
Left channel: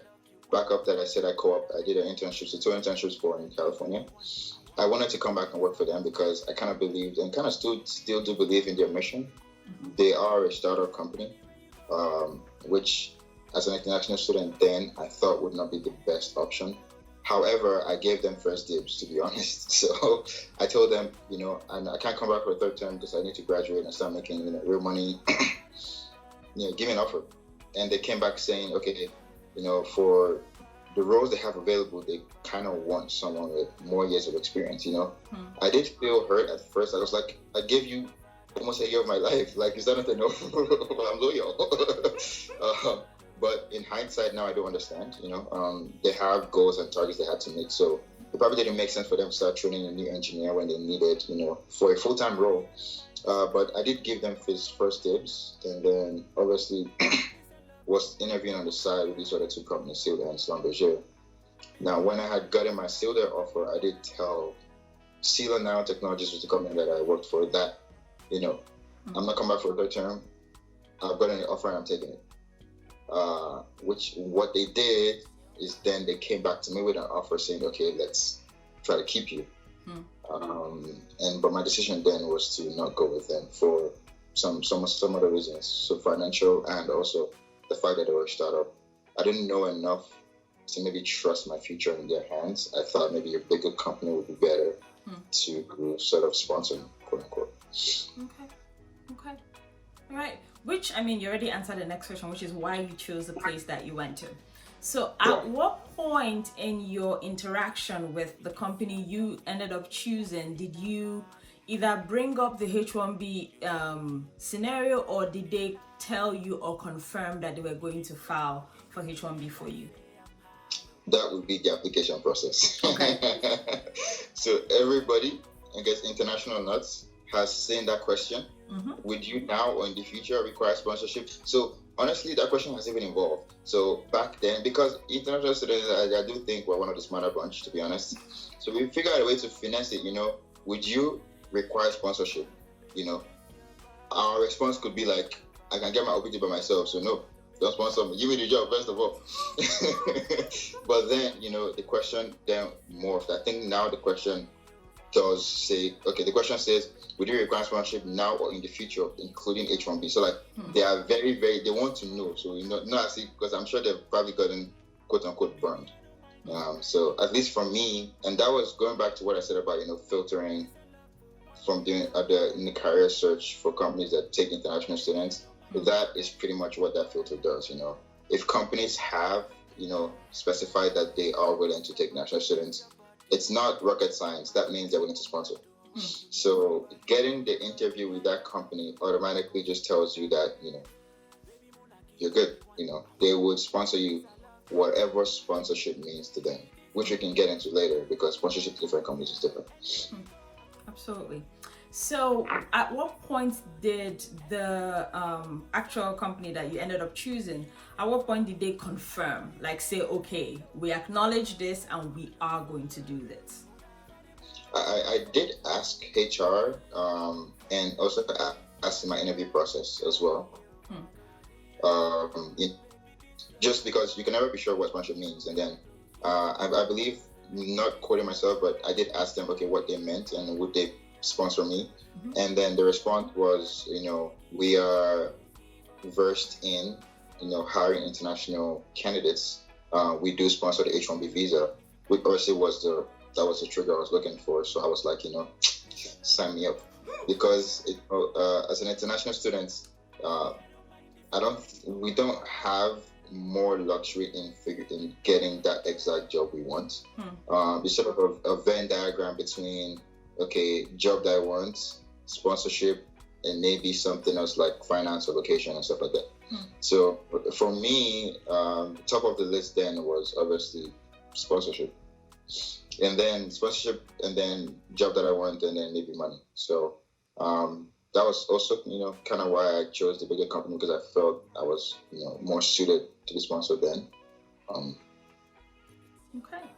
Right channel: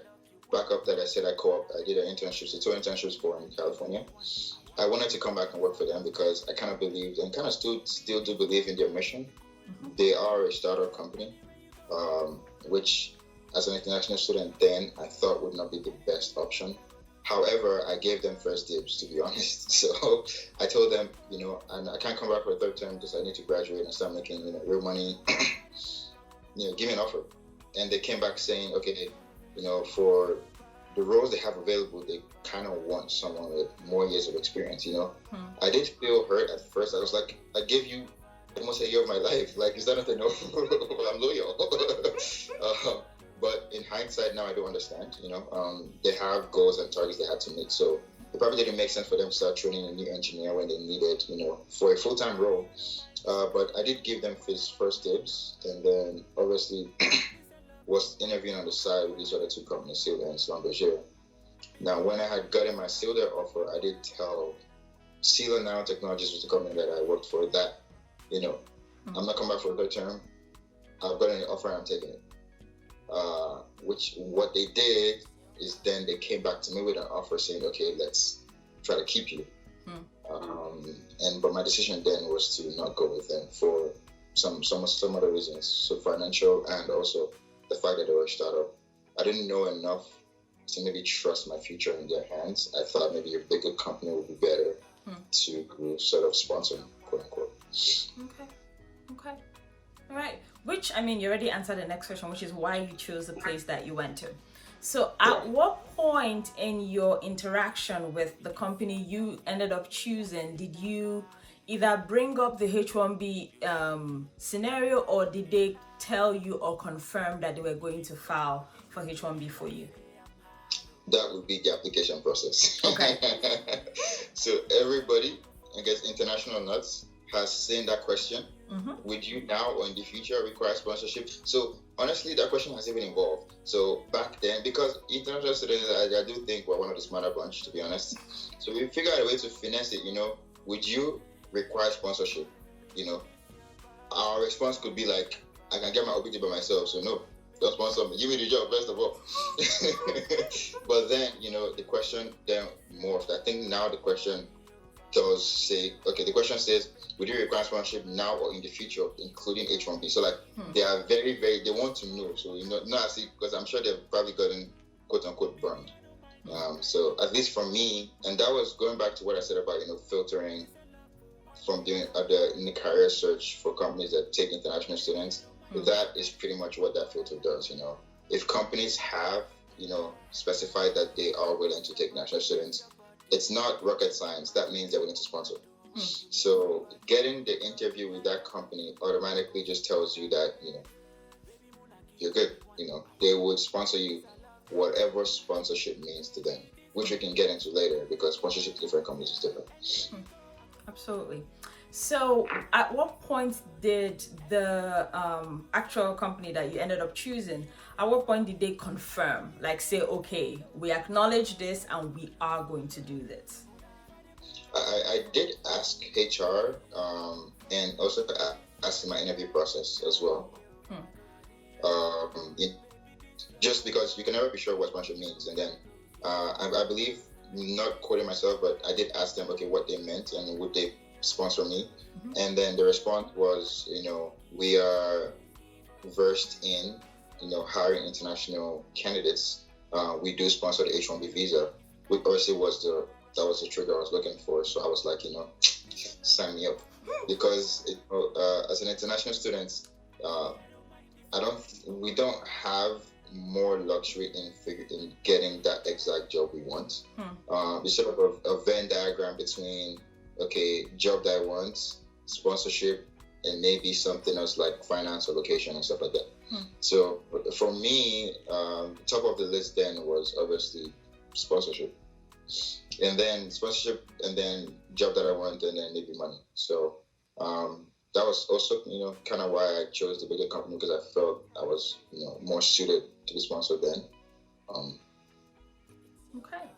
said I co-op, I did an internship, so 2 internships for in California. I wanted to come back and work for them because I kind of believed and kind of still do believe in their mission. They are a startup company, which as an international student then I thought would not be the best option. However, I gave them first dibs, to be honest. So I told them, and I can't come back for a third term because I need to graduate and start making real money. Give me an offer. And they came back saying, okay, for the roles they have available, they kind of want someone with more years of experience, I did feel hurt at first. I was like, I gave you almost a year of my life. Like, is that not enough? I'm loyal. But in hindsight now, I do understand, they have goals and targets they had to meet. So it probably didn't make sense for them to start training a new engineer when they needed, for a full-time role. But I did give them his first dibs, and then obviously was interviewing on the side with these other 2 companies, Silder and Schlumberger. Now, when I had gotten my Silder offer, I did tell Silder Nanotechnologies, was the company that I worked for, that, I'm not coming back for a third term. I've gotten an offer and I'm taking it. Which what they did is then they came back to me with an offer saying, okay, let's try to keep you. But my decision then was to not go with them for some other reasons. So financial, and also the fact that they were a startup. I didn't know enough to maybe trust my future in their hands. I thought maybe a bigger company would be better to sort of sponsor me, quote unquote. Okay. All right. Which, you already answered the next question, which is why you chose the place that you went to. So at what point in your interaction with the company you ended up choosing, did you either bring up the H1B scenario, or did they tell you or confirm that they were going to file for H1B for you? That would be the application process. Okay. So everybody, I guess international nuts, has seen that question. Would you now or in the future require sponsorship? So Honestly, that question has even evolved. So back then, because international students, I do think we're one of the smarter bunch, to be honest. So we figured out a way to finesse it. Would you require sponsorship? You know, our response could be like, I can get my OPT by myself, so no, don't sponsor me. Give me the job first of all. But then, the question then morphed. I think now the question does say, okay, the question says, would you require sponsorship now or in the future, including H1B? So like, they are very, very, they want to know. So, not as if, because I'm sure they've probably gotten quote unquote burned. So at least for me, and that was going back to what I said about, filtering from doing in the career search for companies that take international students. That is pretty much what that filter does. If companies have, specified that they are willing to take international students, it's not rocket science. That means they're willing to sponsor. So getting the interview with that company automatically just tells you that, you're good. They would sponsor you, whatever sponsorship means to them, which we can get into later, because sponsorship to different companies is different. Absolutely. So at what point did the actual company that you ended up choosing, at what point did they confirm, like say, okay, we acknowledge this and we are going to do this? I did ask HR and also asked in my interview process as well. Just because you can never be sure what sponsorship means. And then I believe, not quoting myself, but I did ask them, okay, what they meant and would they sponsor me. And then the response was, we are versed in, hiring international candidates. We do sponsor the H1B visa, which obviously that was the trigger I was looking for. So I was like, sign me up, because as an international student, we don't have more luxury in getting that exact job we want. It's sort of a Venn diagram between, okay, job that I want, sponsorship, and maybe something else like finance or location and stuff like that. So for me, top of the list then was obviously sponsorship, and then job that I want, and then maybe money. So that was also, kind of why I chose the bigger company, because I felt I was, more suited to be sponsored then. Okay.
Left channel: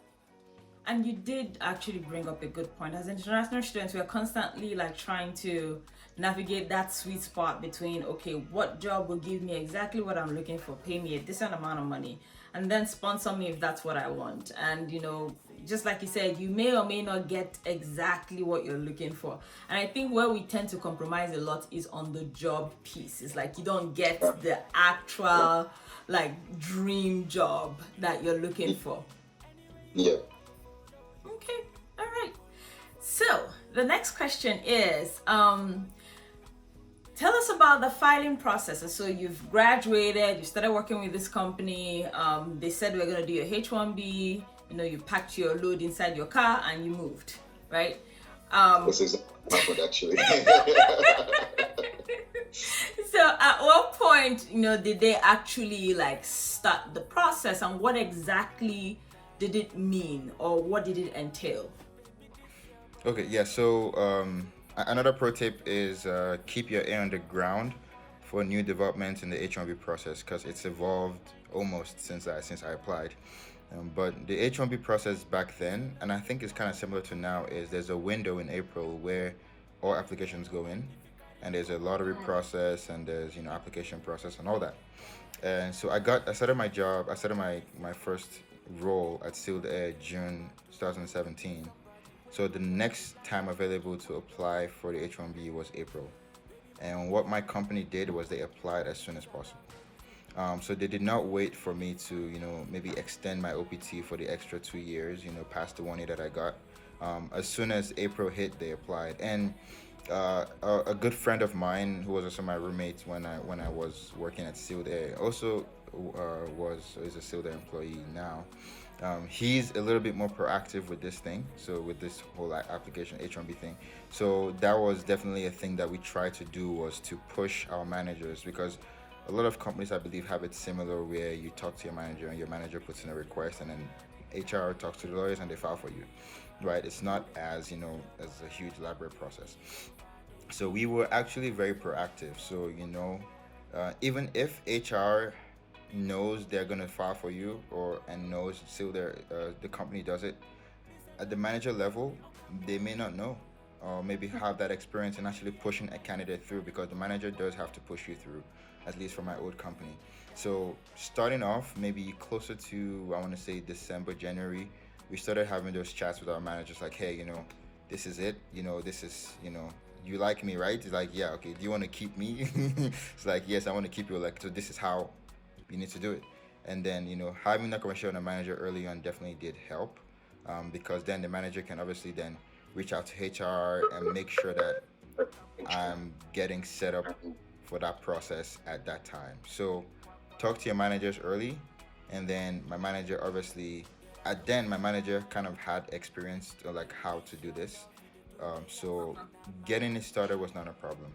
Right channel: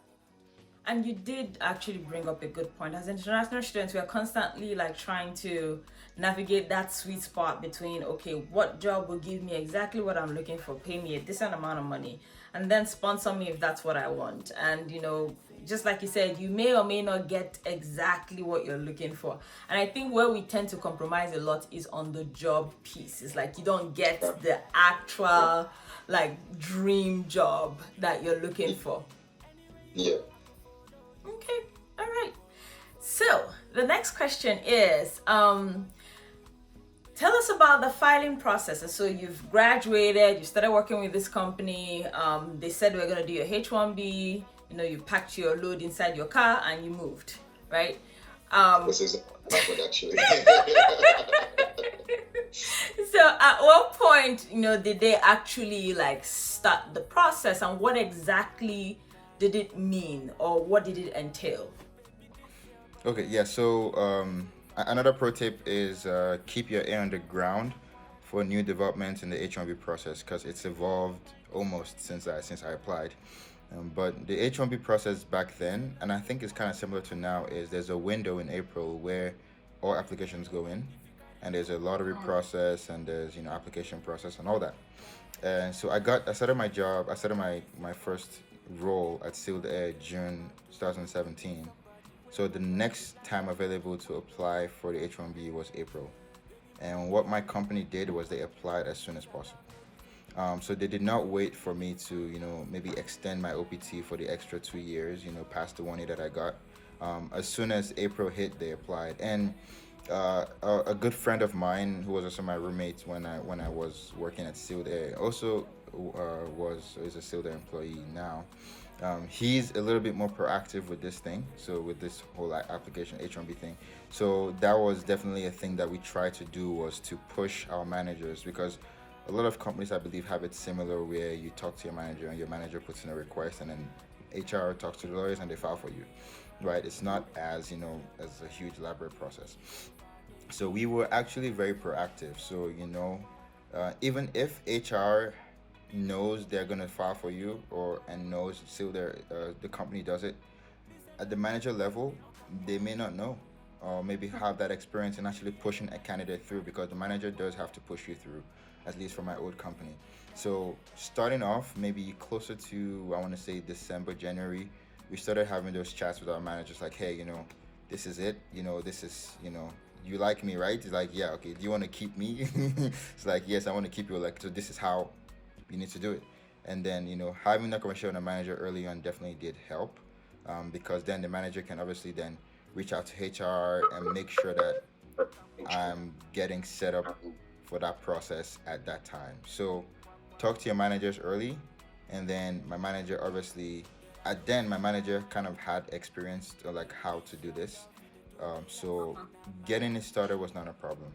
And you did actually bring up a good point. As international students, we are constantly like trying to navigate that sweet spot between, okay, what job will give me exactly what I'm looking for, pay me a decent amount of money, and then sponsor me if that's what I want. And just like you said, you may or may not get exactly what you're looking for. And I think where we tend to compromise a lot is on the job piece. It's like you don't get the actual like dream job that you're looking for. Yeah. Okay, all right. So the next question is, tell us about the filing process. So you've graduated, you started working with this company. They said we're gonna do your H1B. You packed your load inside your car and you moved, right? This is good, actually. So at what point, did they actually like start the process, and what exactly did it mean, or what did it entail? Okay, yeah, so another pro tip is keep your ear on the ground for new developments in the H1B process, because it's evolved almost since I applied. But the H1B process back then, and I think it's kind of similar to now, is there's a window in April where all applications go in, and there's a lottery process, and there's application process and all that. And so I started my first role at Sealed Air June 2017. So the next time available to apply for the H1B was April. And what my company did was they applied as soon as possible. So they did not wait for me to, maybe extend my OPT for the extra 2 years, past the 1 year that I got. As soon as April hit, they applied. And a good friend of mine, who was also my roommate when I was working at Sealed Air, also is a Sealed Air employee now. He's a little bit more proactive with this thing, so with this whole application H1B thing. So that was definitely a thing that we tried to do, was to push our managers, because a lot of companies, I believe, have it similar, where you talk to your manager and your manager puts in a request, and then HR talks to the lawyers and they file for you, right? It's not as as a huge elaborate process. So we were actually very proactive. So Even if HR knows they're gonna file for you, or and knows still the company does it at the manager level, they may not know, or maybe have that experience in actually pushing a candidate through, because the manager does have to push you through, at least for my old company. So starting off, maybe closer to, I want to say, December, January, we started having those chats with our managers, like, hey, this is it, this is, you like me, right? It's like, yeah, okay, do you want to keep me? It's like, yes, I want to keep you. Like, so this is how you need to do it. And then, having that conversation with the manager early on definitely did help, because then the manager can obviously then reach out to HR and make sure that I'm getting set up for that process at that time. So talk to your managers early, and then my manager obviously, my manager kind of had experience to like how to do this. So getting it started was not a problem.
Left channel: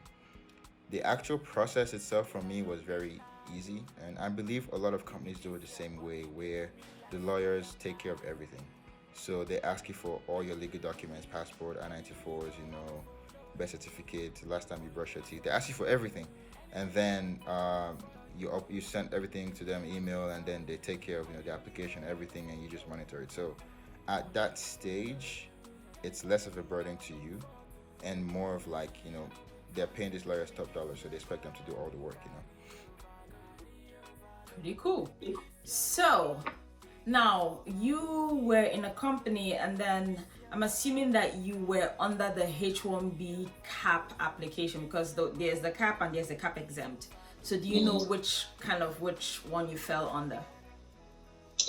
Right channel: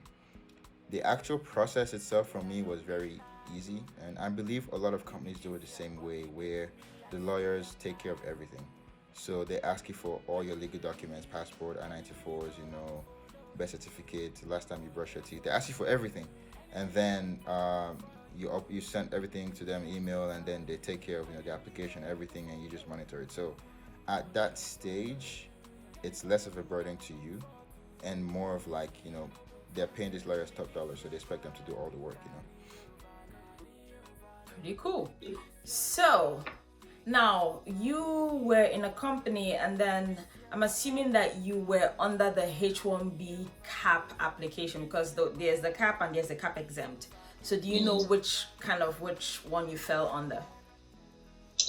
The actual process itself for me was very easy, and I believe a lot of companies do it the same way, where the lawyers take care of everything. So they ask you for all your legal documents, passport, I-94s, birth certificate, last time you brushed your teeth. They ask you for everything, and then you send everything to them email, and then they take care of the application, everything, and you just monitor it. So at that stage, it's less of a burden to you, and more of like they're paying these lawyers top dollar, so they expect them to do all the work. Pretty cool. So now you were in a company, and then I'm assuming that you were under the H1B cap application, because there's the cap and there's the cap exempt. So do you know which one you fell under?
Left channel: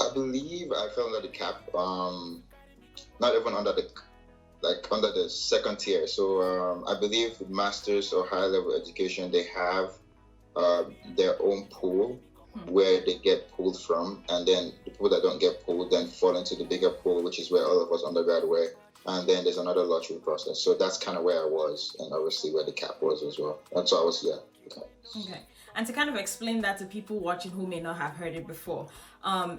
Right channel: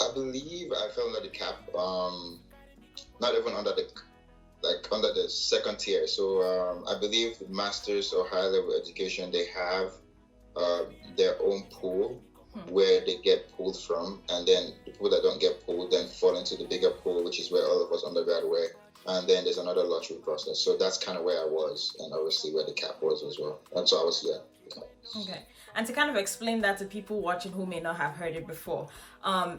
I believe I fell under the cap. Not even under the second tier. So I believe masters or higher level education, they have their own pool where they get pulled from, and then the people that don't get pulled then fall into the bigger pool, which is where all of us undergrad were. And then there's another lottery process. So that's kind of where I was, and obviously where the cap was as well. And so I was, Okay. And to kind of explain that to people watching who may not have heard it before,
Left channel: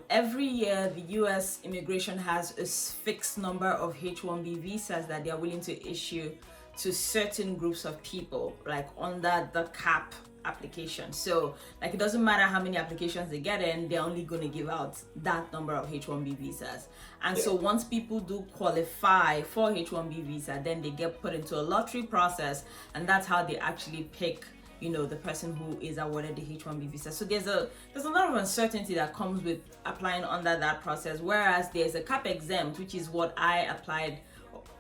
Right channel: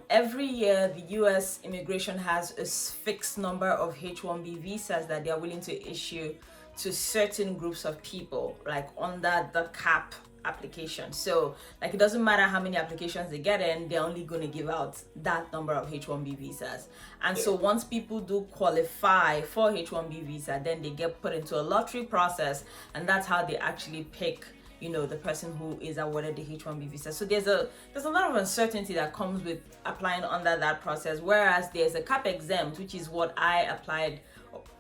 every year the US immigration has a fixed number of H1B visas that they are willing to issue to certain groups of people, like under the cap application. So like, it doesn't matter how many applications they get in, they're only going to give out that number of H1B visas. And so once people do qualify for H1B visa, then they get put into a lottery process, and that's how they actually pick the person who is awarded the H1B visa. So there's a lot of uncertainty that comes with applying under that process, whereas there's a cap exempt, which is what I applied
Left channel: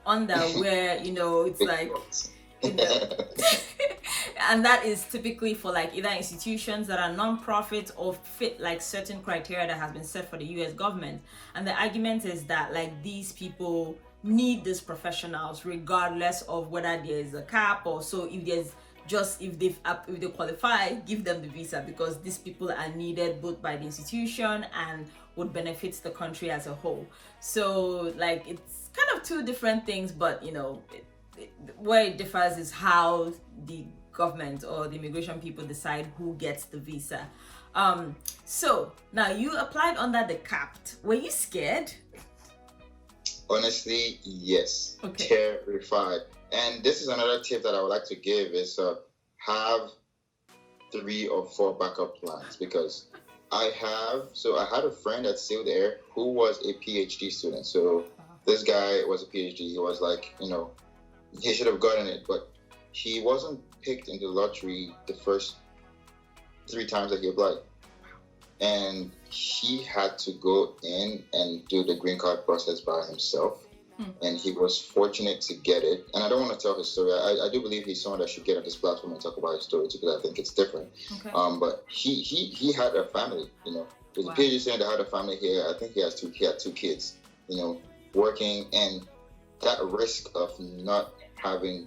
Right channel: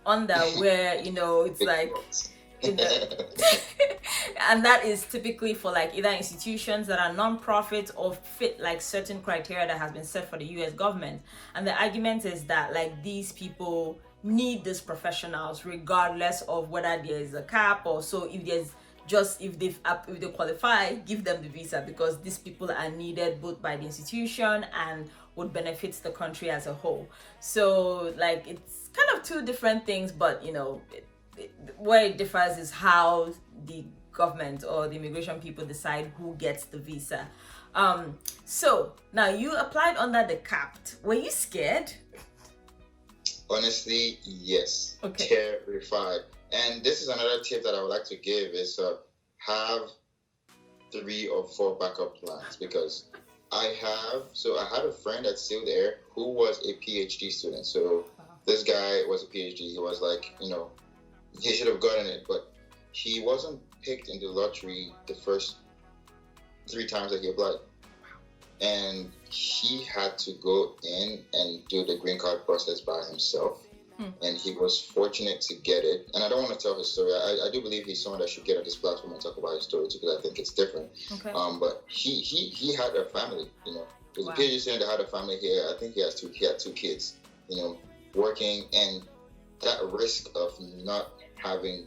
under, where it's like and that is typically for like either institutions that are non-profit or fit like certain criteria that has been set for the US government. And the argument is that like these people need these professionals regardless of whether there is a cap, or so if they qualify, give them the visa, because these people are needed both by the institution and would benefit the country as a whole. So like, it's kind of two different things, but where it differs is how the government or the immigration people decide who gets the visa. So now you applied under the capped. Were you scared? Honestly, yes. Okay. Terrified. And this is another tip that I would like to give is have 3 or 4 backup plans, because I had a friend that's still there who was a PhD student. So this guy was a PhD. He was like, he should have gotten it, but he wasn't picked in the lottery the first 3 times that he applied. And he had to go in and do the green card process by himself. And he was fortunate to get it. And I don't want to tell his story. I do believe he's someone that should get on this platform and talk about his story too, because I think it's different. Okay. But he had a family, There's a PhD student that had a family here. I think he had 2 kids, working, and that risk of not having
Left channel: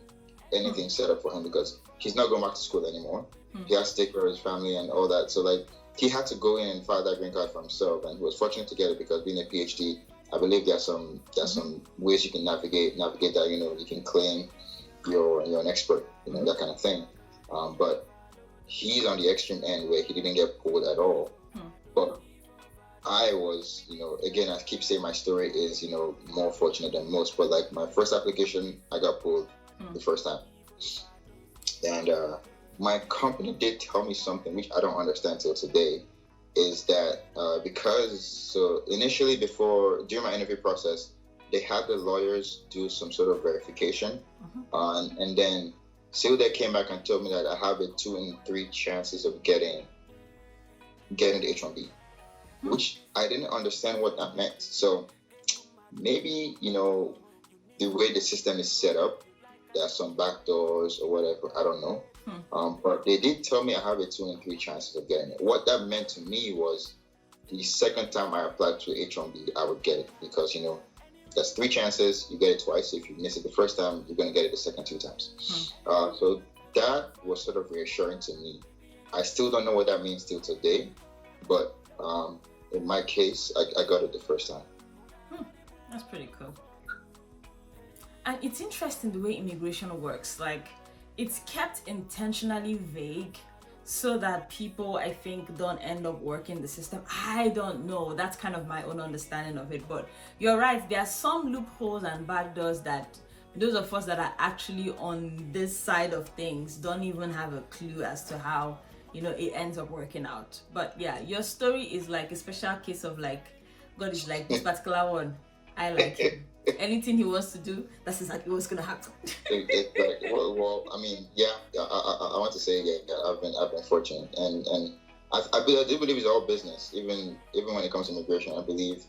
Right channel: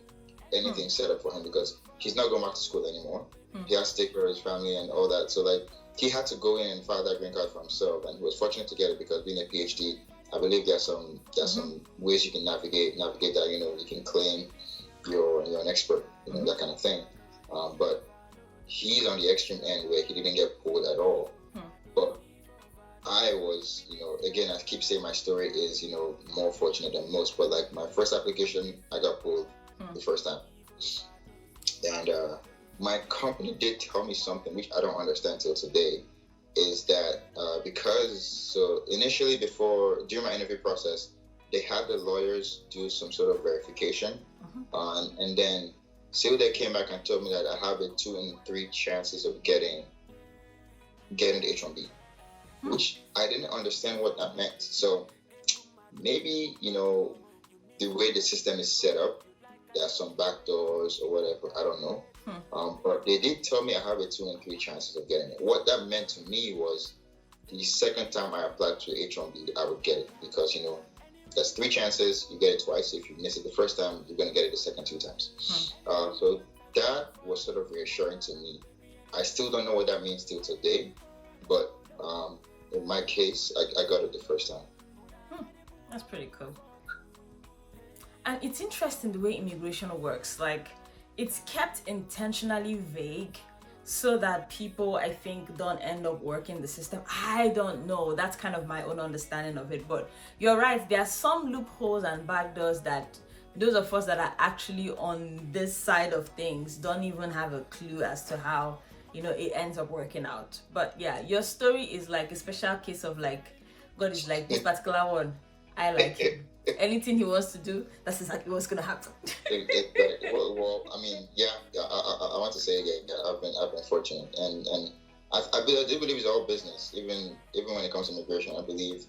anything set up for him, because he's not going back to school anymore. He has to take care of his family and all that. So like, he had to go in and file that green card for himself, and he was fortunate to get it, because being a PhD, I believe there's some ways you can navigate that. You can claim you're an expert, that kind of thing. But he's on the extreme end where he didn't get pulled at all. But I was, again, I keep saying my story is, more fortunate than most. But like, my first application, I got pulled the first time, and my company did tell me something which I don't understand till today. Is that because initially during my interview process, they had the lawyers do some sort of verification, and then they came back and told me that I have a 2 in 3 chances of getting the H1B, which I didn't understand what that meant. So maybe the way the system is set up, there are some backdoors or whatever. I don't know. But they did tell me I have a 2 in 3 chances of getting it. What that meant to me was the second time I applied to H1B, I would get it because, that's 3 chances, you get it twice. So if you miss it the first time, you're going to get it the second 2 times. So that was sort of reassuring to me. I still don't know what that means till today, but in my case, I got it the first time. That's pretty cool. And it's interesting the way immigration works. Like, it's kept intentionally vague so that people, I think, don't end up working the system. I don't know. That's kind of my own understanding of it. But you're right. There are some loopholes and backdoors that those of us that are actually on this side of things don't even have a clue as to how, it ends up working out. But yeah, your story is like a special case of like, God is like, this particular one, I like him. Anything he wants to do, that's exactly what's gonna happen. Well, I mean, yeah, I want to say I've been fortunate, and I do believe it's all business. Even when it comes to immigration, I believe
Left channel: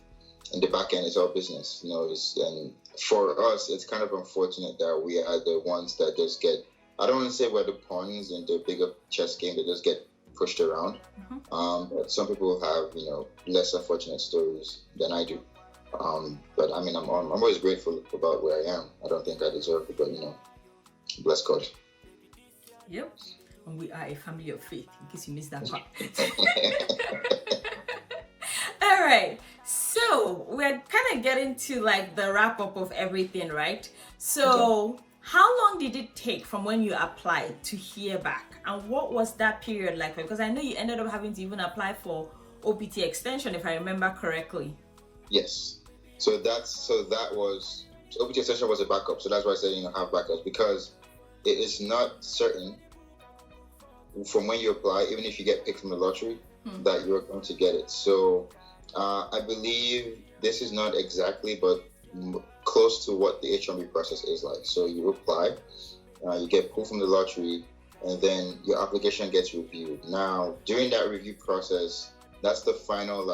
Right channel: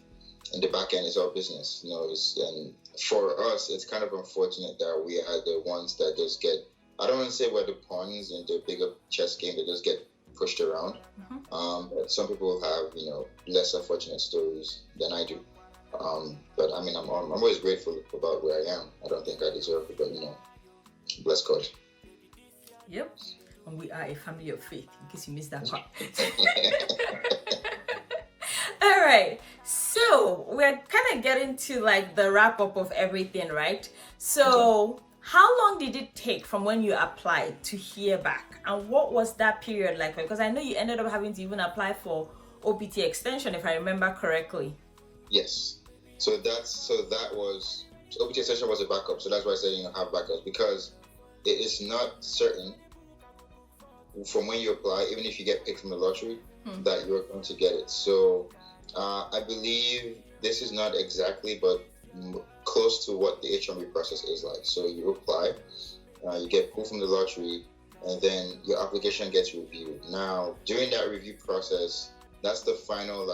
in the back end it's all business. And for us, it's kind of unfortunate that we are the ones that just get. I don't want to say we're the pawns in the bigger chess game that just get pushed around. But some people have lesser fortunate stories than I do. But I mean, I'm always grateful about where I am. I don't think I deserve it, but bless God. Yep. And we are a family of faith, in case you missed that part. All right. So we're kind of getting to like the wrap up of everything, right? So how long did it take from when you applied to hear back? And what was that period like? Because I know you ended up having to even apply for OPT extension, if I remember correctly. Yes. So OPT extension was a backup. So that's why I said have backups, because it is not certain from when you apply, even if you get picked from the lottery, that you're going to get it. So I believe this is not exactly, but close to what the H1B process is like. So you apply, you get pulled from the lottery, and then your application gets reviewed. Now, during that review process, that's the final,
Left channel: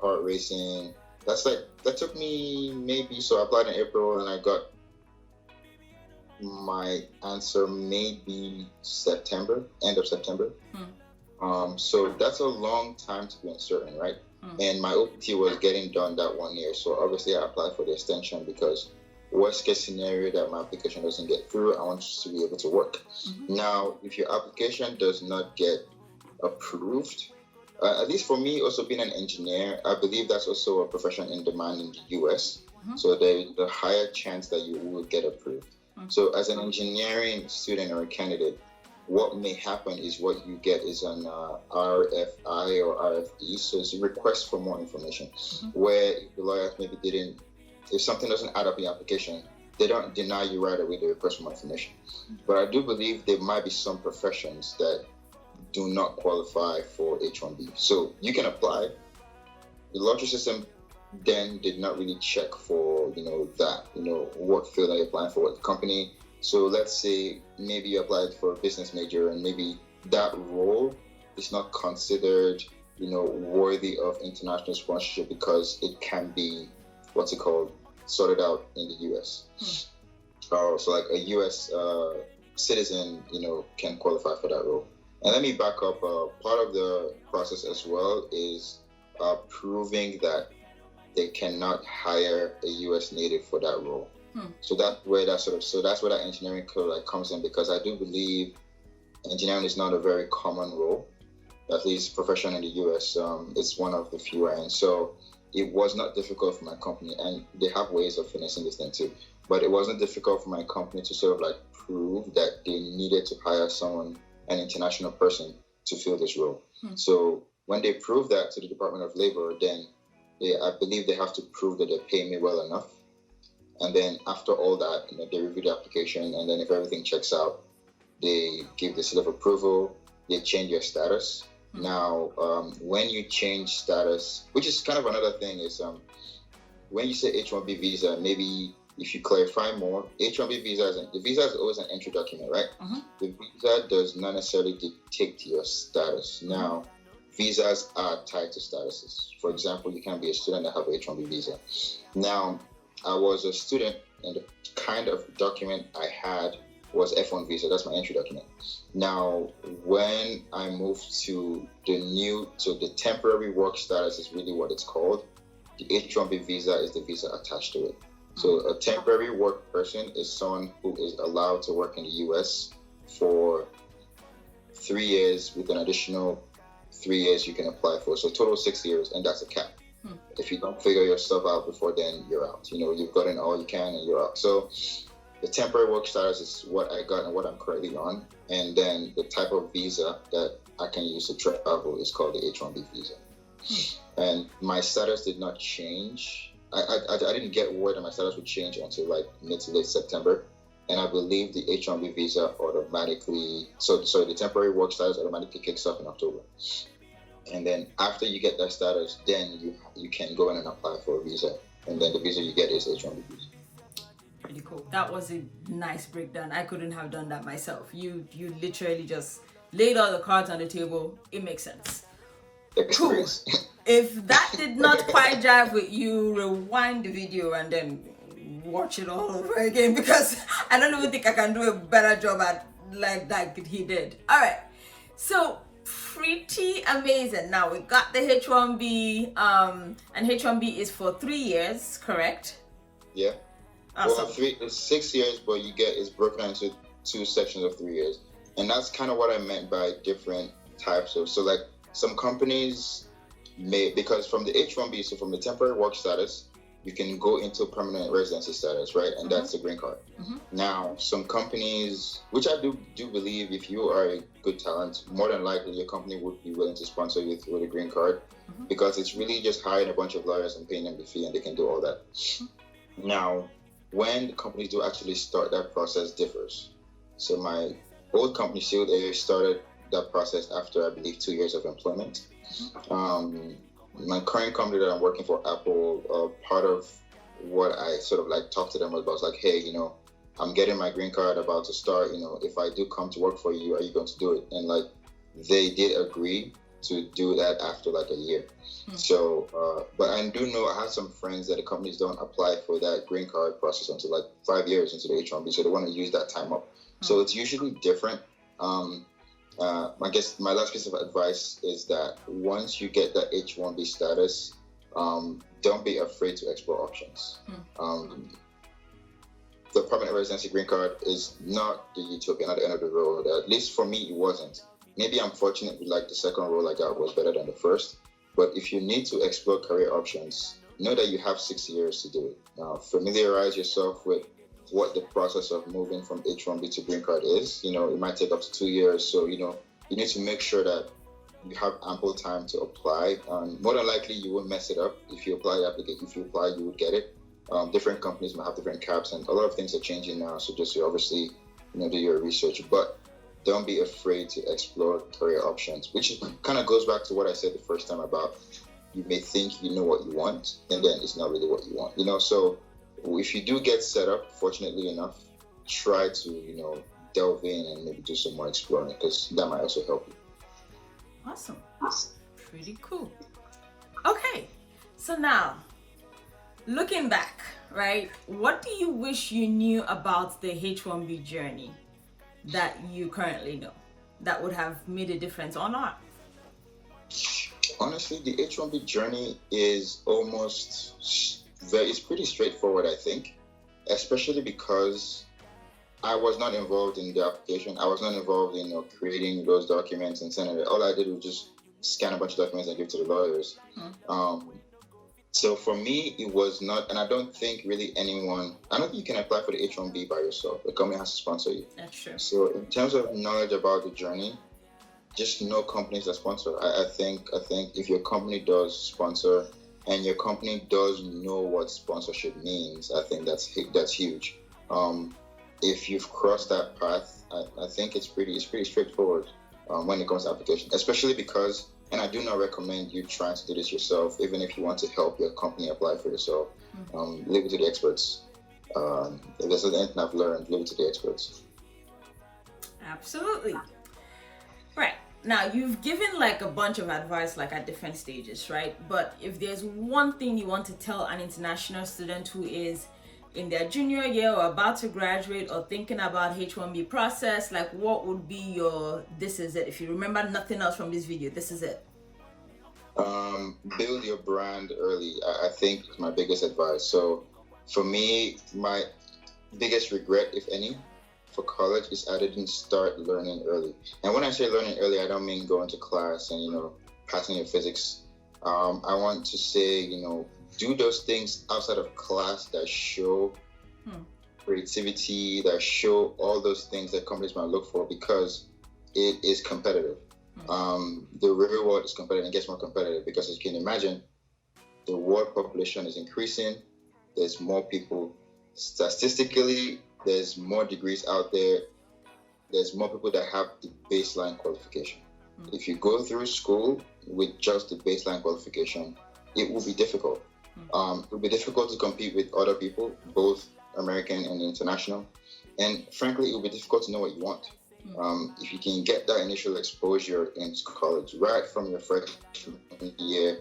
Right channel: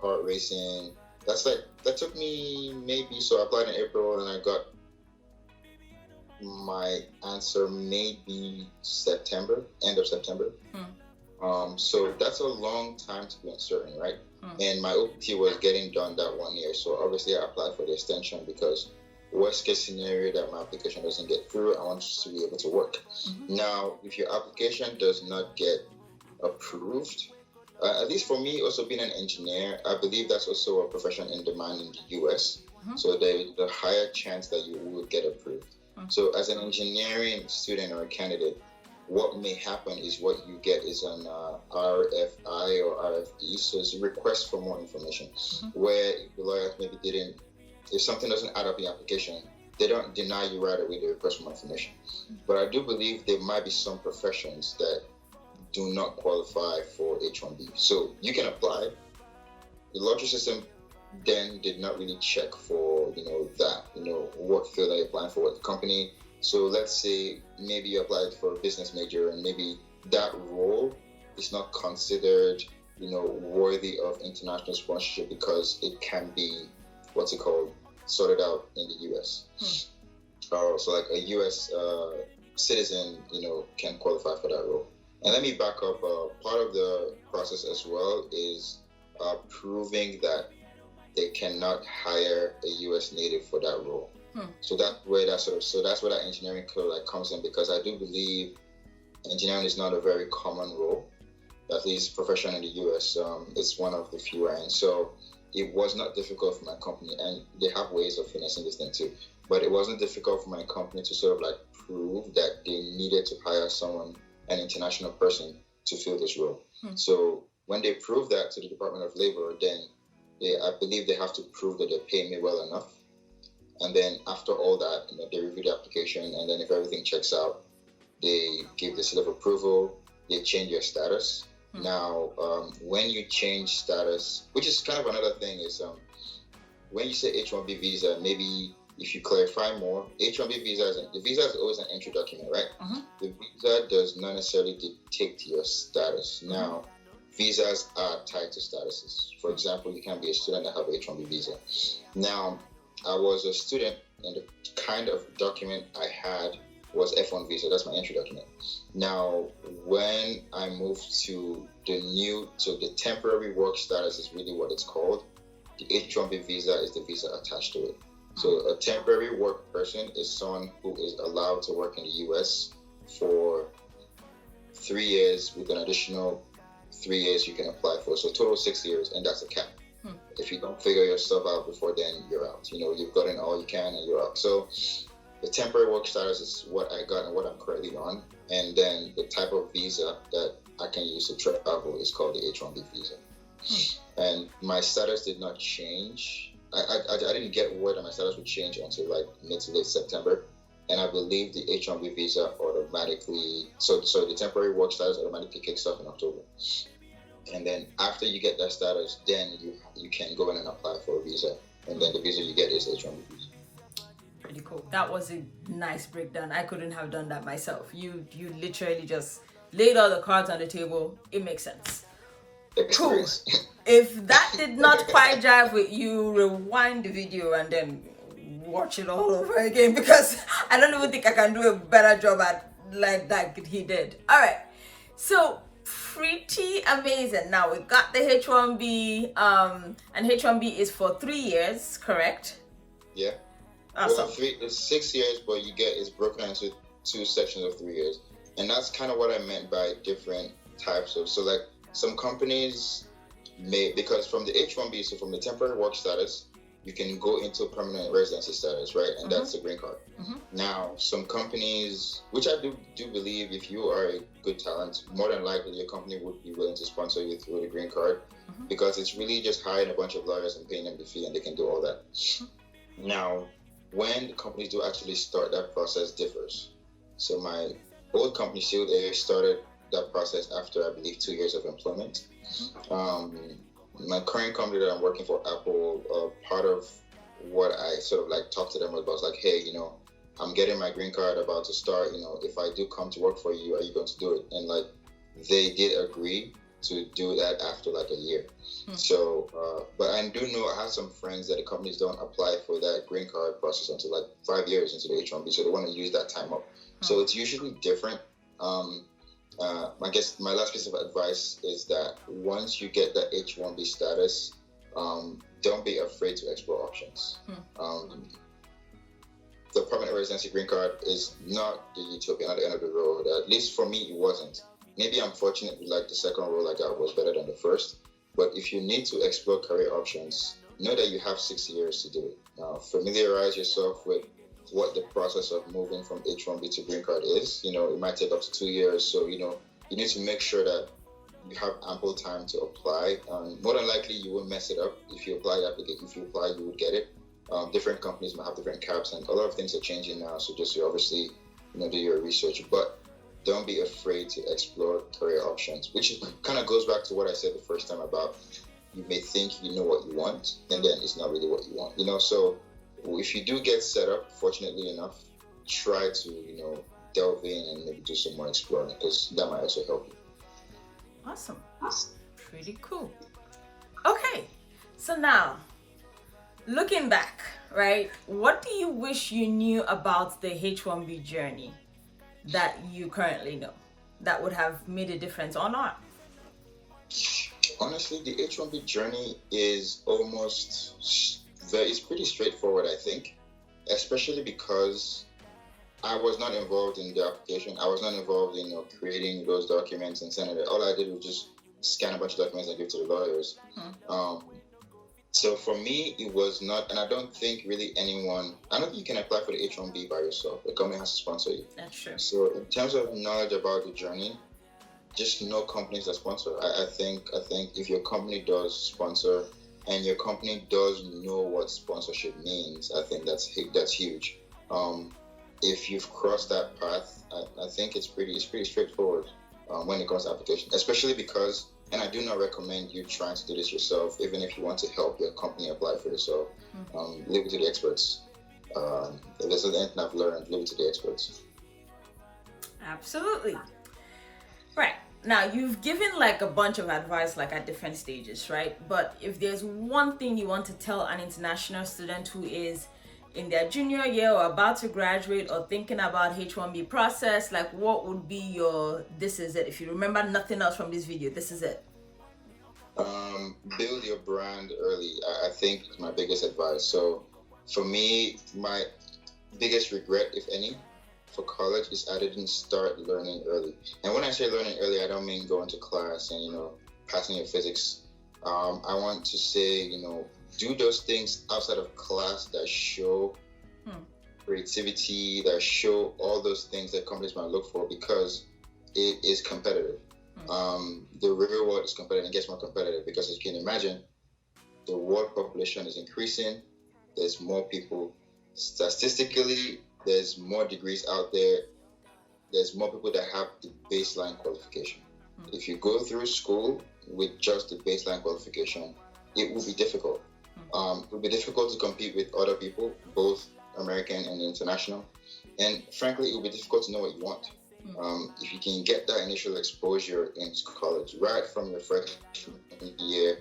heart racing. That took me so I applied in April and I got my answer maybe September, end of September. So that's a long time to be uncertain, right? And my OPT was getting done that 1 year. So obviously I applied for the extension because worst case scenario that my application doesn't get through, I want to be able to work. Now, if your application does not get approved, at least for me, also being an engineer, I believe that's also a profession in demand in the US. So there's a higher chance that you will get approved. So as an engineering student or a candidate, what may happen is what you get is an RFI or RFE. So it's a request for more information, where the lawyers maybe if something doesn't add up in the application, they don't deny you right away the request for more information. But I do believe there might be some professions that do not qualify for H1B. So you can apply. The lottery system then did not really check for, what field are you applying for, what company. So let's say maybe you applied for a business major and maybe that role is not considered, worthy of international sponsorship because it can be, sorted out in the US. So like a US citizen, can qualify for that role. And let me back up. Part of the process as well is proving that they cannot hire a U.S. native for that role. So that's where that engineering code comes in, because I do believe engineering is not a very common role, at least profession in the U.S. It's one of the fewer, and so it was not difficult for my company, and they have ways of finessing this thing too. But it wasn't difficult for my company to sort of prove that they needed to hire someone, an international person, to fill this role. So when they prove that to the Department of Labor, then I believe they have to prove that they pay me well enough. And then after all that, they review the application, and then if everything checks out, they give the seal of approval, they change your status. Now, when you change status, which is kind of another thing, is when you say H1B visa, maybe if you clarify more, H1B the visa is always an entry document, right? The visa does not necessarily dictate your status. Now, visas are tied to statuses. For example, you can be a student and have a H1B visa. Now, I was a student, and the kind of document I had was F1 visa. That's my entry document. Now, when I moved to the temporary work status is really what it's called. The H1B visa is the visa attached to it. So a temporary work person is someone who is allowed to work in the US for 3 years with an additional 3 years you can apply for. So total 6 years, and that's a cap. If you don't figure yourself out before then, you're out. You've gotten all you can and you're out. So the temporary work status is what I got and what I'm currently on. And then the type of visa that I can use to travel is called the H1B visa. And my status did not change. I didn't get word that my status would change until like mid to late September. And I believe the H1B visa automatically, so the temporary work status automatically kicks off in October. And then after you get that status, then you can go in and apply for a visa. And then the visa you get is H1B visa. Pretty cool. That was a nice breakdown. I couldn't have done that myself. You literally just laid all the cards on the table. It makes sense. Cool. If that did not quite jive with you, rewind the video and then watch it all over again, because I don't even think I can do a better job at like that he did. All right. So pretty amazing. Now we got the H1B, and H1B is for 3 years, correct? Yeah. Awesome. Well, it's 6 years, but it's broken into 2 sections of 3 years, and that's kind of what I meant by different types of. So like some companies may, because from the H1B, so from the temporary work status, you can go into permanent residency status, right? And that's the green card. Now, some companies, which I do believe, if you are a good talent, more than likely your company would be willing to sponsor you with a green card, because it's really just hiring a bunch of lawyers and paying them the fee, and they can do all that. Now, when companies do actually start, that process differs. So my old company, Shield Air, started that process after, I believe, 2 years of employment. My current company that I'm working for, Apple, part of what I sort of like talked to them about was like, hey, I'm getting my green card about to start. If I do come to work for you, are you going to do it? And like, they did agree to do that after like a year. So, but I do know I have some friends that the companies don't apply for that green card process until like 5 years into the H1B. So they want to use that time up. So it's usually different. I guess my last piece of advice is that once you get that H1B status, don't be afraid to explore options. The permanent residency green card is not the utopia, not the end of the road. At least for me, it wasn't. Maybe I'm fortunate with like the second role I got was better than the first. But if you need to explore career options, know that you have 6 years to do it. Now, familiarize yourself with what the process of moving from H1B to green card is. It might take up to 2 years. So, you need to make sure that you have ample time to apply. More than likely, you won't mess it up. If you apply, you would get it. Different companies might have different caps, and a lot of things are changing now. So just obviously, do your research. But don't be afraid to explore career options, which kind of goes back to what I said the first time about you may think you know what you want, and then it's not really what you want. So if you do get set up, fortunately enough, try to, delve in and maybe do some more exploring, because that might also help you. Awesome. Pretty cool. Okay. So now, looking back, right, what do you wish you knew about the H1B journey that you currently know that would have made a difference or not? Honestly, the H1B journey is it's pretty straightforward, I think, especially because I was not involved in the application. I was not involved in creating those documents and sending it. All I did was just scan a bunch of documents and give to the lawyers. So for me, it was not, and I don't think really I don't think you can apply for the H1B by yourself. The company has to sponsor you. That's true. So in terms of knowledge about the journey, just know companies that sponsor. I think if your company does sponsor and your company does know what sponsorship means, I think that's huge. if you've crossed that path, I think it's pretty straightforward when it comes to application, especially because, and I do not recommend you trying to do this yourself, even if you want to help your company apply for yourself. Leave it to the experts. If there's anything I've learned, leave it to the experts. Absolutely. Right. Now, you've given like a bunch of advice like at different stages, right? But if there's one thing you want to tell an international student who is in their junior year or about to graduate or thinking about H1B process, like what would be your, this is it? If you remember nothing else from this video, this is it. Build your brand early. I think is my biggest advice. So for me, my biggest regret, if any, for college is I didn't start learning early. And when I say learning early, I don't mean going to class and, passing your physics. I want to say, do those things outside of class that show creativity, that show all those things that companies might look for, because it is competitive. The real world is competitive and gets more competitive because, as you can imagine, the world population is increasing. There's more people. Statistically, there's more degrees out there. There's more people that have the baseline qualification. If you go through school with just the baseline qualification, it will be difficult. It will be difficult to compete with other people, both American and international. And frankly, it will be difficult to know what you want. If you can get that initial exposure in college, right from your freshman year,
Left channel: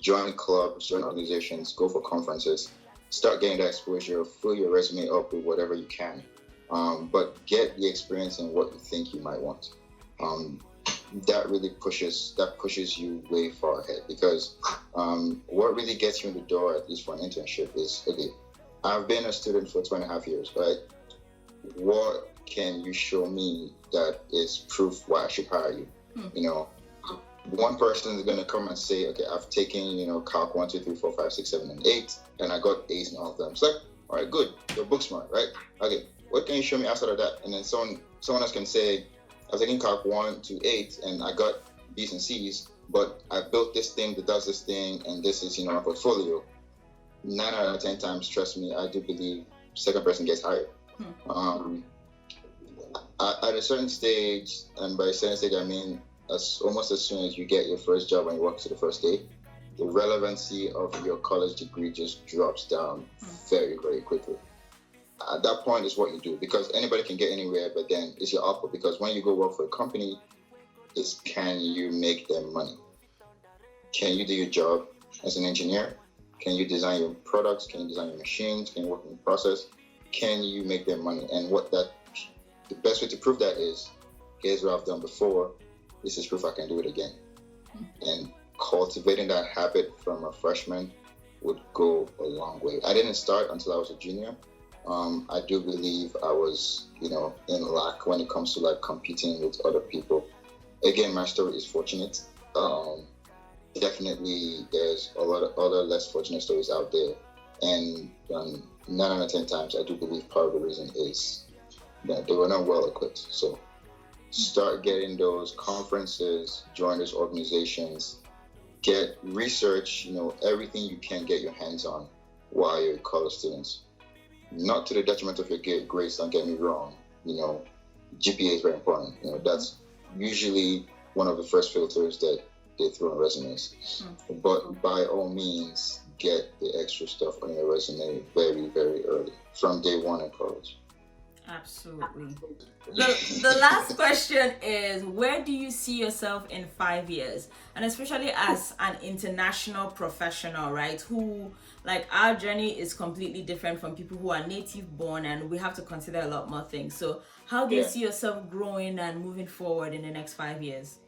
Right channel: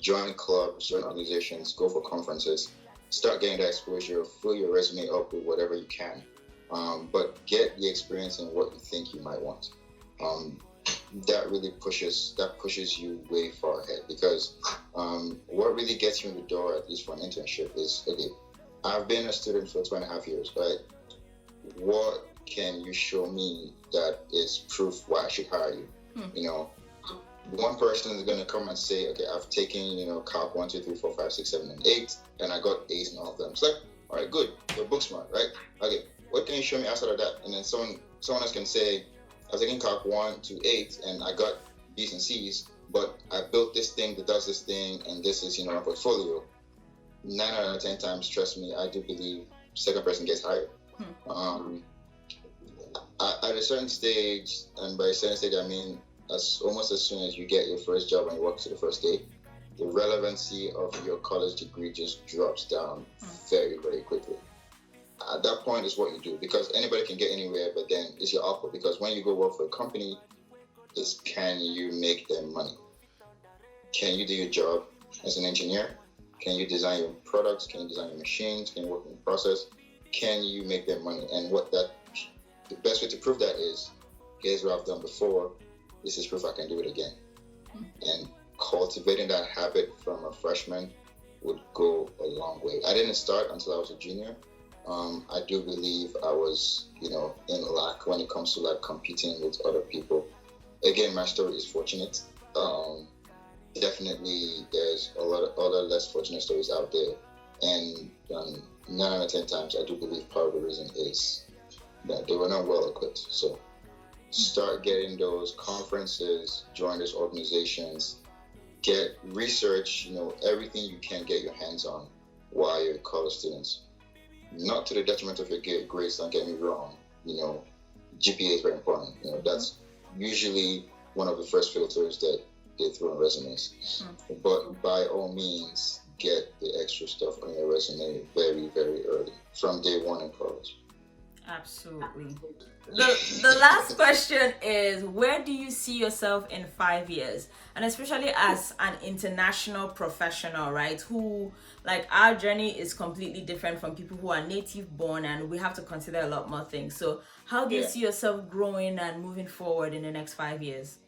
join clubs, join organizations, go for conferences, start getting that exposure, fill your resume up with whatever you can. But get the experience in what you think you might want. That really pushes you way far ahead, because what really gets you in the door, at least for an internship, is, okay, I've been a student for 2.5 years, right? What can you show me that is proof why I should hire you? One person is going to come and say, okay, I've taken, Calc 1, 2, 3, 4, 5, 6, 7, and 8, and I got A's in all of them. It's like, all right, good, you're book smart, right? Okay, what can you show me outside of that? And then someone else can say, I was taking Calc 1 to 8, and I got B's and C's, but I built this thing that does this thing, and this is, my portfolio. 9 out of 10 times, trust me, I do believe second person gets hired. At a certain stage, and by a certain stage, I mean almost as soon as you get your first job and you walk to the first day, the relevancy of your college degree just drops down very, very quickly. At that point is what you do, because anybody can get anywhere, but then it's your output. Because when you go work for a company, it's, can you make them money? Can you do your job as an engineer? Can you design your products? Can you design your machines? Can you work in the process? Can you make them money? And the best way to prove that is, here's what I've done before. This is proof I can do it again. And cultivating that habit from a freshman would go a long way. I didn't start until I was a junior. I do believe I was, in lack when it comes to like competing with other people. Again, my story is fortunate. Definitely, there's a lot of other less fortunate stories out there. And 9 out of 10 times, I do believe part of the reason is that they were not well equipped. So start getting those conferences, join those organizations, get research, everything you can get your hands on while you're college students. Not to the detriment of your grades, don't get me wrong. GPA is very important. That's usually one of the first filters that they throw on resumes. But by all means, get the extra stuff on your resume very, very early, from day one in college. Absolutely. The last question is, where do you see yourself in 5 years? And especially as an international professional, right? Who, like, our journey is completely different from people who are native born, and we have to consider a lot more things. So how do you see yourself growing and moving forward in the next 5 years?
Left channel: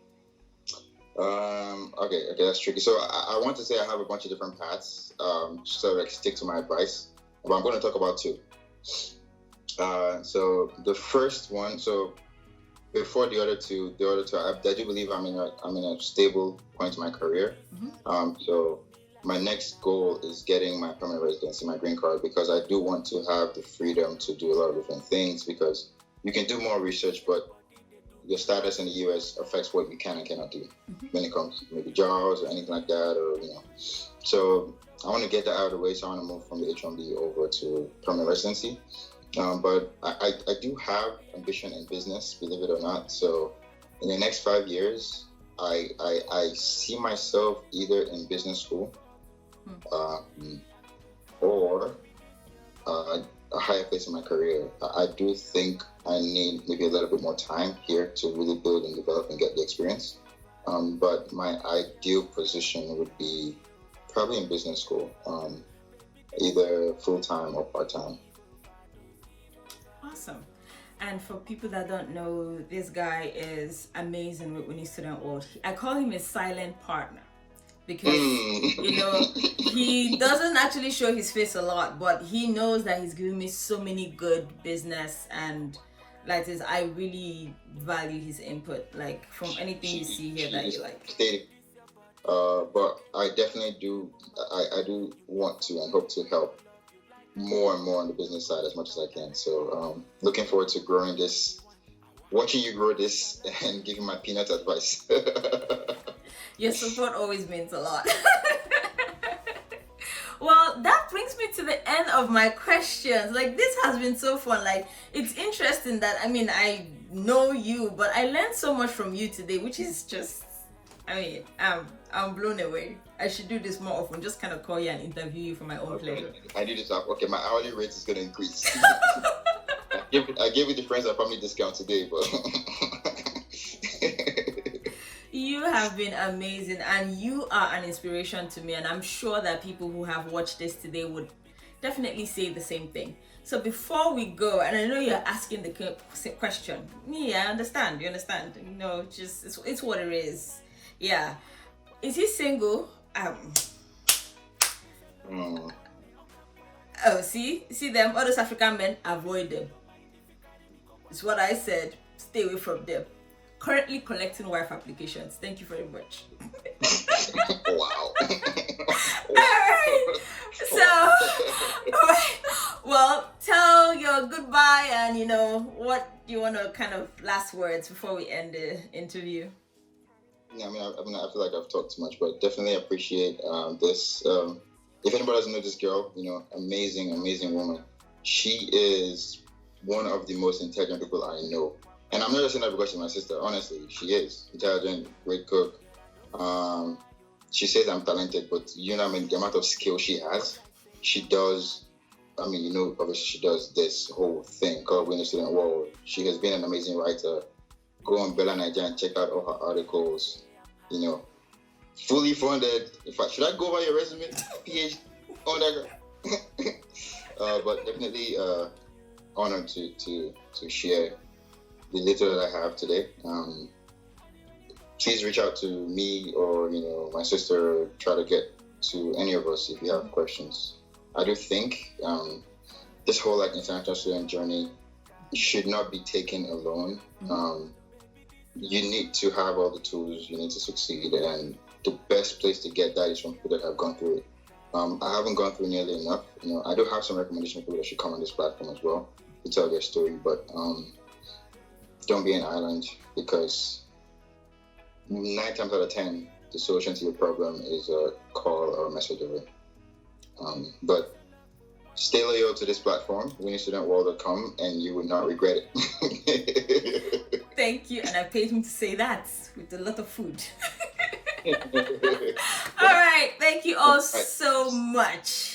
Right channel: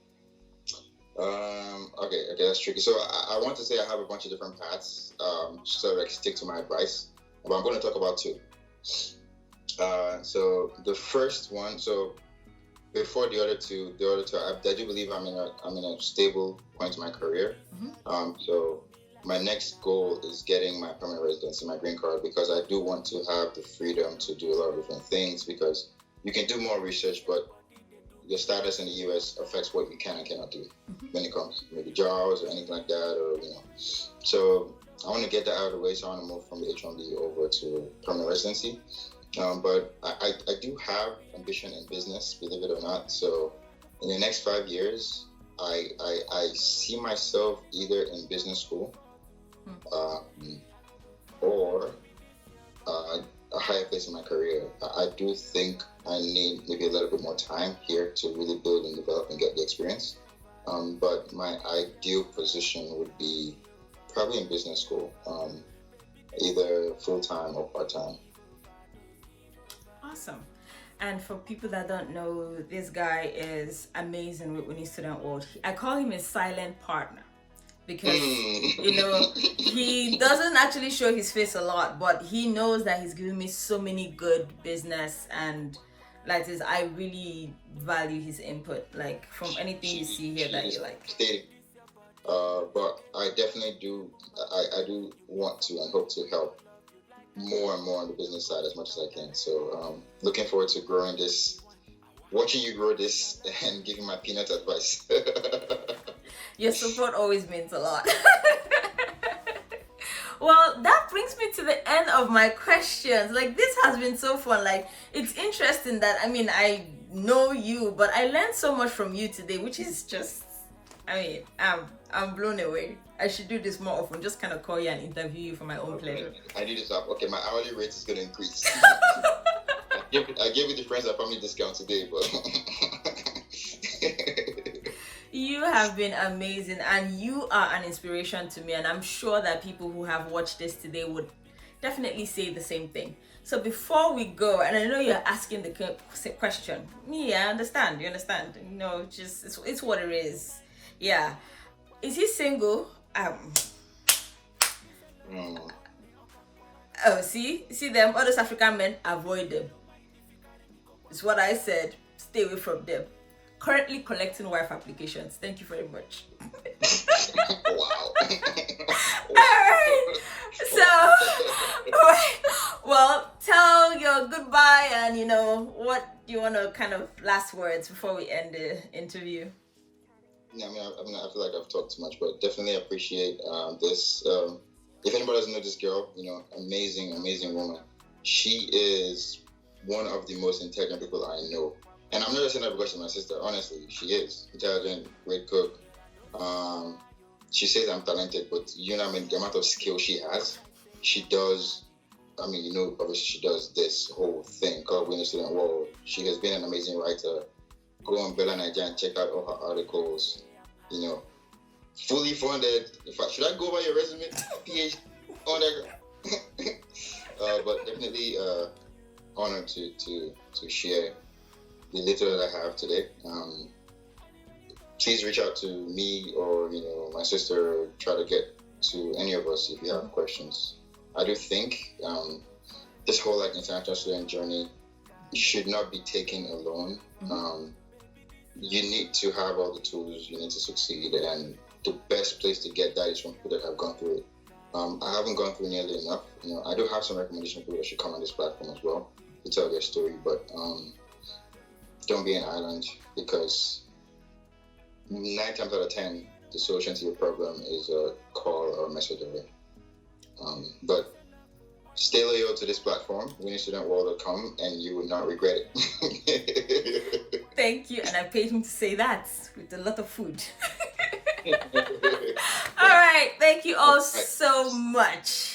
Okay, that's tricky. So I want to say I have a bunch of different paths, so I stick to my advice, but I'm going to talk about two. So the first one, so before the other two, I do believe I'm in a stable point in my career. So my next goal is getting my permanent residency, my green card, because I do want to have the freedom to do a lot of different things, because you can do more research, but your status in the US affects what you can and cannot do when it comes to maybe jobs or anything like that, or So I want to get that out of the way, so I want to move from the H1B over to permanent residency. But I do have ambition in business, believe it or not. So in the next 5 years, I see myself either in business school or a higher place in my career. I do think I need maybe a little bit more time here to really build and develop and get the experience. But my ideal position would be probably in business school, either full-time or part-time. Awesome. And for people that don't know, this guy is amazing with Winnie Student World. I call him a silent partner because, he doesn't actually show his face a lot, but he knows that he's giving me so many good business and like this. I really value his input, like from anything you see here that you like. But I definitely do. I do want to and hope to help more and more on the business side as much as I can. So looking forward to growing this, watching you grow this, and giving my peanut advice. Your support always means a lot. Well, that brings me to the end of my questions. Like, this has been so fun. Like, it's interesting that, I know you, but I learned so much from you today, which is just, I'm blown away. I should do this more often, just kind of call you and interview you for my own pleasure. I do this up. Okay, my hourly rate is going to increase. I gave you the friends and family discount today, but you have been amazing and you are an inspiration to me, and I'm sure that people who have watched this today would definitely say the same thing. So before we go, and I know you're asking the question, I understand, you understand, it's what it is. Yeah. Is he single? Oh, see them, all those African men, avoid them. It's what I said, stay away from them. Currently collecting wife applications. Thank you very much. Wow. Alright. So, well, tell your goodbye and what you want to kind of last words before we end the interview. Yeah, I feel like I've talked too much, but definitely appreciate this. If anybody doesn't know this girl, amazing woman. She is one of the most intelligent people I know. And I'm not just saying that because she's my sister. Honestly, she is intelligent, great cook. She says I'm talented, but the amount of skill she has, she does. Obviously she does this whole thing called Winnie Student World. She has been an amazing writer. Go on Bella Nigeria and check out all her articles. Fully funded. In fact, should I go over your resume? PhD on that. But definitely honored to share the little that I have today. Please reach out to me or my sister. Try to get to any of us if you have questions. I do think this whole international student journey should not be taken alone. You need to have all the tools you need to succeed, and the best place to get that is from people that have gone through it. I haven't gone through nearly enough. I do have some recommendations for people that should come on this platform as well to tell their story, but don't be an island, because 9 times out of 10, the solution to your problem is a call or a message away. But stay loyal to this platform, WinnieStudentWorld.com, and you will not regret it. Thank you, and I paid him to say that with a lot of food. All right, thank you all so much.